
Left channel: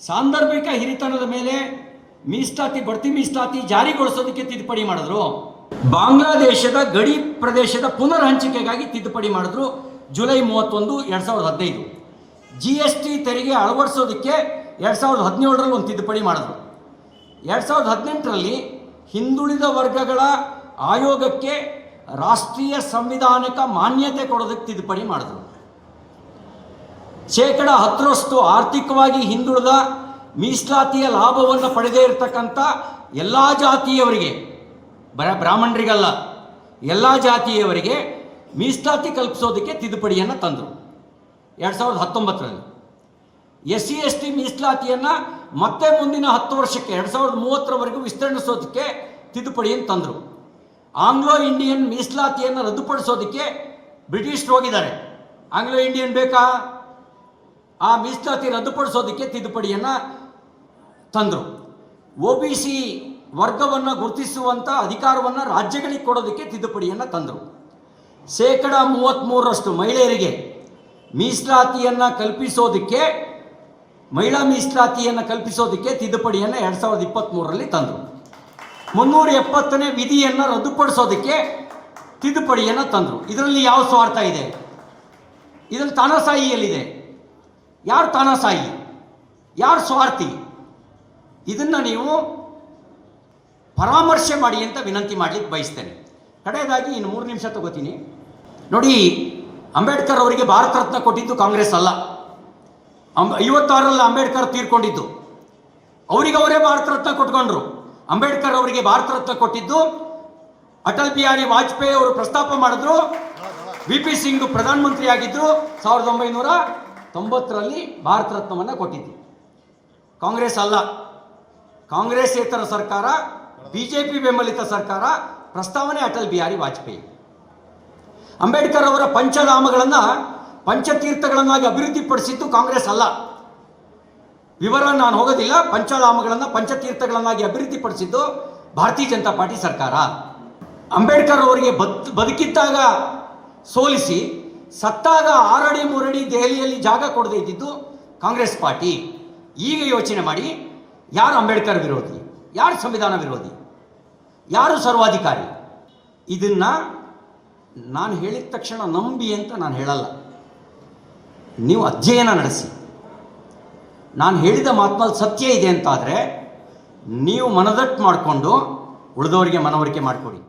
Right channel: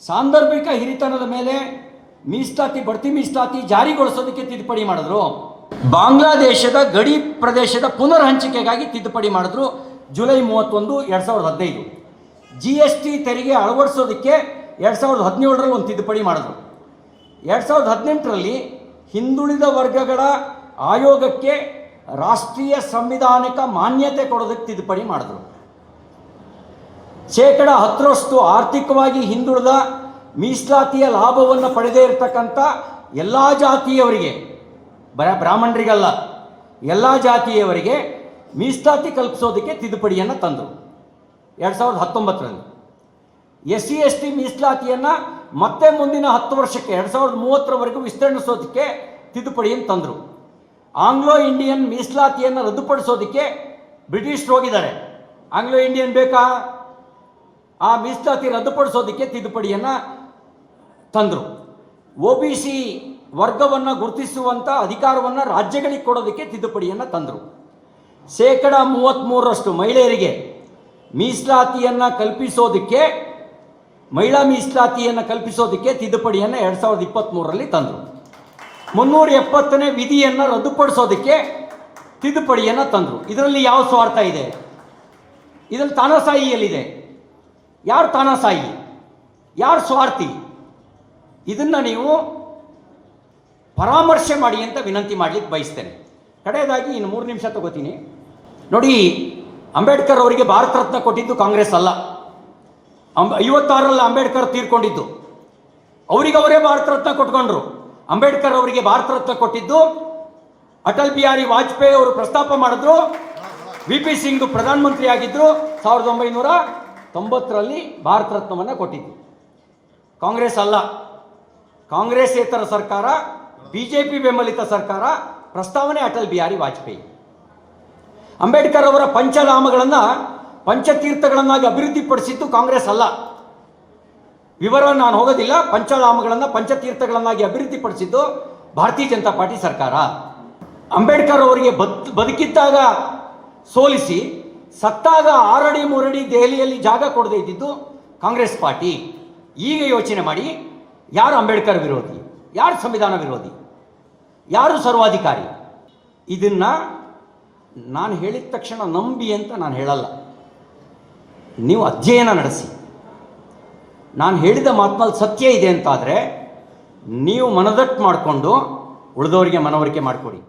ಸಾಂದರ್ಭಿಕ ಹಿರಿತನದ ಮೇಲೆ ಮೀಸಲಾತಿ, ಬಡ್ತಿ ಮೀಸಲಾತಿ ಜಾರಿಗೊಳಿಸೋದಕ್ಕೆ ತಿದ್ದುಪಡಿ ಮಾಡಿದ್ರು. ಬಾಂಗ್ಲಾದೇಶದ ಗಡಿ ಪ್ರದೇಶದ ಪುನರ್ ಹಂಚಿಕೆಗಾಗಿ ತಿದ್ದುಪಡಿ ಮಾಡಿದ್ರು ಜುಲೈ 31, 2015. GST ತೆರಿಗೆ ಅಳವಡಿಸೋದಕ್ಕೆ 2017ರಲ್ಲಿ ಒಂದು ತಿದ್ದುಪಡಿ ಮಾಡಿದ್ರು. 2018ರಲ್ಲಿ ಹಿಂದುಳಿದ ವರ್ಗಗಳ ಆಯೋಗಕ್ಕೆ ರಾಷ್ಟ್ರೀಯ ಸಂವಿಧಾನಿಕ ಮಾನ್ಯತೆ ಕೊಡೋದಕ್ಕೆ ತಿದ್ದುಪಡಿ ಮಾಡಿದ್ರು. 10% ಆರ್ಥಿಕವಾಗಿ ಹಿಂದುಳಿದ ಮೀಸಲಾತಿಯ ಲಾಭವನ್ನು ಪಡೆದೇ ಇರತಕ್ಕಂಥ ಎಲ್ಲ ಜಾತಿಯವರಿಗೆ, ಬ್ರಾಹ್ಮಣರಿಗಲ್ಲ, ಎಲ್ಲ ಜಾತಿಯವರಿಗೆ ಮೀಸಲಾತಿ ಕಲ್ಪಿಸೋದಕ್ಕೆ ತಿದ್ದುಪಡಿಯನ್ನು ತಂದರು 2019ರಲ್ಲಿ. SC/ST ಮೀಸಲಾತಿಯನ್ನು ಮತ್ತೆ ಮುಂದಿನ 10 ವರ್ಷಕ್ಕೆ 2030ರವರೆಗೂ ವಿಸ್ತರಿಸೋದಕ್ಕೆ ತಿದ್ದುಪಡಿಯನ್ನು ತಂದರು. ಆಂಗ್ಲೋ ಇಂಡಿಯನ್ ಮೀಸಲಾತಿಯನ್ನು ರದ್ದುಪಡಿಸೋದಕ್ಕೆ ಬ್ರಿಟಿಷರು ಹೋಗಿದ್ದಾರೆ. ಆಂಗ್ಲೋ ಇಂಡಿಯನ್ ಬೇಕಾ? ಆ ಮೀಸಲಾತಿ ರದ್ದುಪಡಿಸೋದಕ್ಕೆ ತಿದ್ದುಪಡಿಯನ್ನು ತಂದರು. OBC ವರ್ಗವನ್ನು ಗುರುತಿಸುವಂಥ ಅಧಿಕಾರವನ್ನು ರಾಜ್ಯಗಳಿಗೆ ಕೊಡೋದಕ್ಕೆ ತಿದ್ದುಪಡಿಯನ್ನು ತಂದರು. 33% ಮಹಿಳೆಯರಿಗೆ ಮೀಸಲಾತಿಯನ್ನು ಕಲ್ಪಿಸೋದಕ್ಕೆ, ಮಹಿಳಾ ಮೀಸಲಾತಿಯನ್ನು ಕಲ್ಪಿಸೋದಕ್ಕೆ ತಿದ್ದುಪಡಿಯನ್ನು 2023ರಲ್ಲಿ ತಂದರು. 370ನೇ ವಿಧಿಯನ್ನು ರದ್ದುಪಡಿಸೋದಕ್ಕೆ ತಿದ್ದುಪಡಿಯನ್ನು ತಂದರು. ಇದರಲ್ಲಿ ಯಾವ ಸ್ವಾರ್ಥ ಇದೆ? ಇದರಲ್ಲಿ ತಾನಾಸಾಯಿ ಎಲ್ಲಿದೆ? ಯಾರು ತಾನಾಸಾಯಿ, ಯಾರು ಸ್ವಾರ್ಥಿ? ಇದನ್ನು ನೀವು ಪರಾಮರ್ಶೆ ಮಾಡಿ ಅಂತ ವಿನಂತಿ ಮಾಡಲಿಕ್ಕೆ ಬಯಸ್ತೇನೆ. ಕಡೆಯದಾಗಿ ಇನ್ನು 3 ನಿಮಿಷ ತಗೋತೀನಿ. ನೋಡಿ, ಅಂಬೇಡ್ಕರ್ ಅವರಿಗೆ ಭಾರತ ರತ್ನ ಕೊಟ್ಟಿದ್ದು ಕಾಂಗ್ರೆಸ್ ಅಲ್ಲ. 56ರಲ್ಲಿ ಅಂಬೇಡ್ಕರ್ ತೀರ್ಕೊಂಡಿದ್ದು, ಅವರಿಗೆ ಅವರೇ ಭಾರತ ರತ್ನ ಕೊಟ್ಕೊಂಡ್ರು. ಅಂಬೇಡ್ಕರ್ ಅವರಿಗೆ ಭಾರತ ರತ್ನ ಕೊಟ್ಟಿದ್ದು ಅಟಲ್ ಬಿಹಾರಿ ವಾಜಪೇಯಿ ಅವರು ಪ್ರಸ್ತಾಪ ಮಾಡಿದ್ರು. VP ಸಿಂಗ್ ಪ್ರಧಾನಮಂತ್ರಿ ಆಗಿದ್ರು. 1990ರಲ್ಲಿ ಭಾರತ ರತ್ನವನ್ನು ಕೊಟ್ಟಿದ್ದು ಕಾಂಗ್ರೆಸ್ ಅಲ್ಲ. ಕಾಂಗ್ರೆಸ್ಸೇತರ ಸರ್ಕಾರ, BJP ಬೆಂಬಲಿತ ಸರ್ಕಾರ ಪ್ರಸ್ತಾವನೆ ಅಟಲ್ ಬಿಹಾರಿ ವಾಜಪೇಯಿ. ಅಂಬೇಡ್ಕರ್ ಅವರ ಪಂಚಧಾಮಗಳನ್ನು ಪಂಚತೀರ್ಥಗಳನ್ನಾಗಿ ಅಭಿವೃದ್ಧಿಪಡಿಸಿದ್ದು ಕಾಂಗ್ರೆಸ್ ಅಲ್ಲ. ವಿವರ ನಾನು ಹೋಗೋದಿಲ್ಲ. ಪಂಚಧಾಮಗಳನ್ನು ಪಂಚತೀರ್ಥಗಳನ್ನಾಗಿ ಅಭಿವೃದ್ಧಿಪಡಿಸಿದ್ದು ಭಾರತೀಯ ಜನತಾ ಪಾರ್ಟಿ ಸರ್ಕಾರ. ಅಂಬೇಡ್ಕರ್ ಅವರಿಗೆ ಬದುಕಿದ್ದಾಗ ಸೋಲಿಸಿ ಸತ್ತಾಗ 6 ಅಡಿ 3 ಅಡಿ ದೆಹಲಿಯಲ್ಲಿ ಜಾಗ ಕೊಡದೇ ಇದ್ದಿದ್ದು ಕಾಂಗ್ರೆಸ್ ಪಾರ್ಟಿ. ಈಗ ಯೋಚನೆ ಮಾಡಿ, ಯಾರು ಅಂಬೇಡ್ಕರ್ ವಿರೋಧಿ, ಯಾರು ಸಂವಿಧಾನ ವಿರೋಧಿ, ಯಾರು ಸರ್ವಾಧಿಕಾರಿ? ಇದನ್ನು ನಾನು ಹೇಳಿದ ತಕ್ಷಣ ನಂಬಿ ಅಂತ ನಾನು ಹೇಳಲ್ಲ. ನೀವು ಅಧ್ಯಯನ ನಡೆಸಿ. ನಾನು ಹೇಳಿದ ಮಾತಿನಲ್ಲಿ ಸತ್ಯ ಇದೆ ಅಂತಾದರೆ ನೀವು ಮನದಟ್ಟು ಮಾಡಿಕೊಂಡು ಉಳಿದವರಿಗೆ ಮನವರಿಕೆ ಮಾಡಿಕೊಡಿ.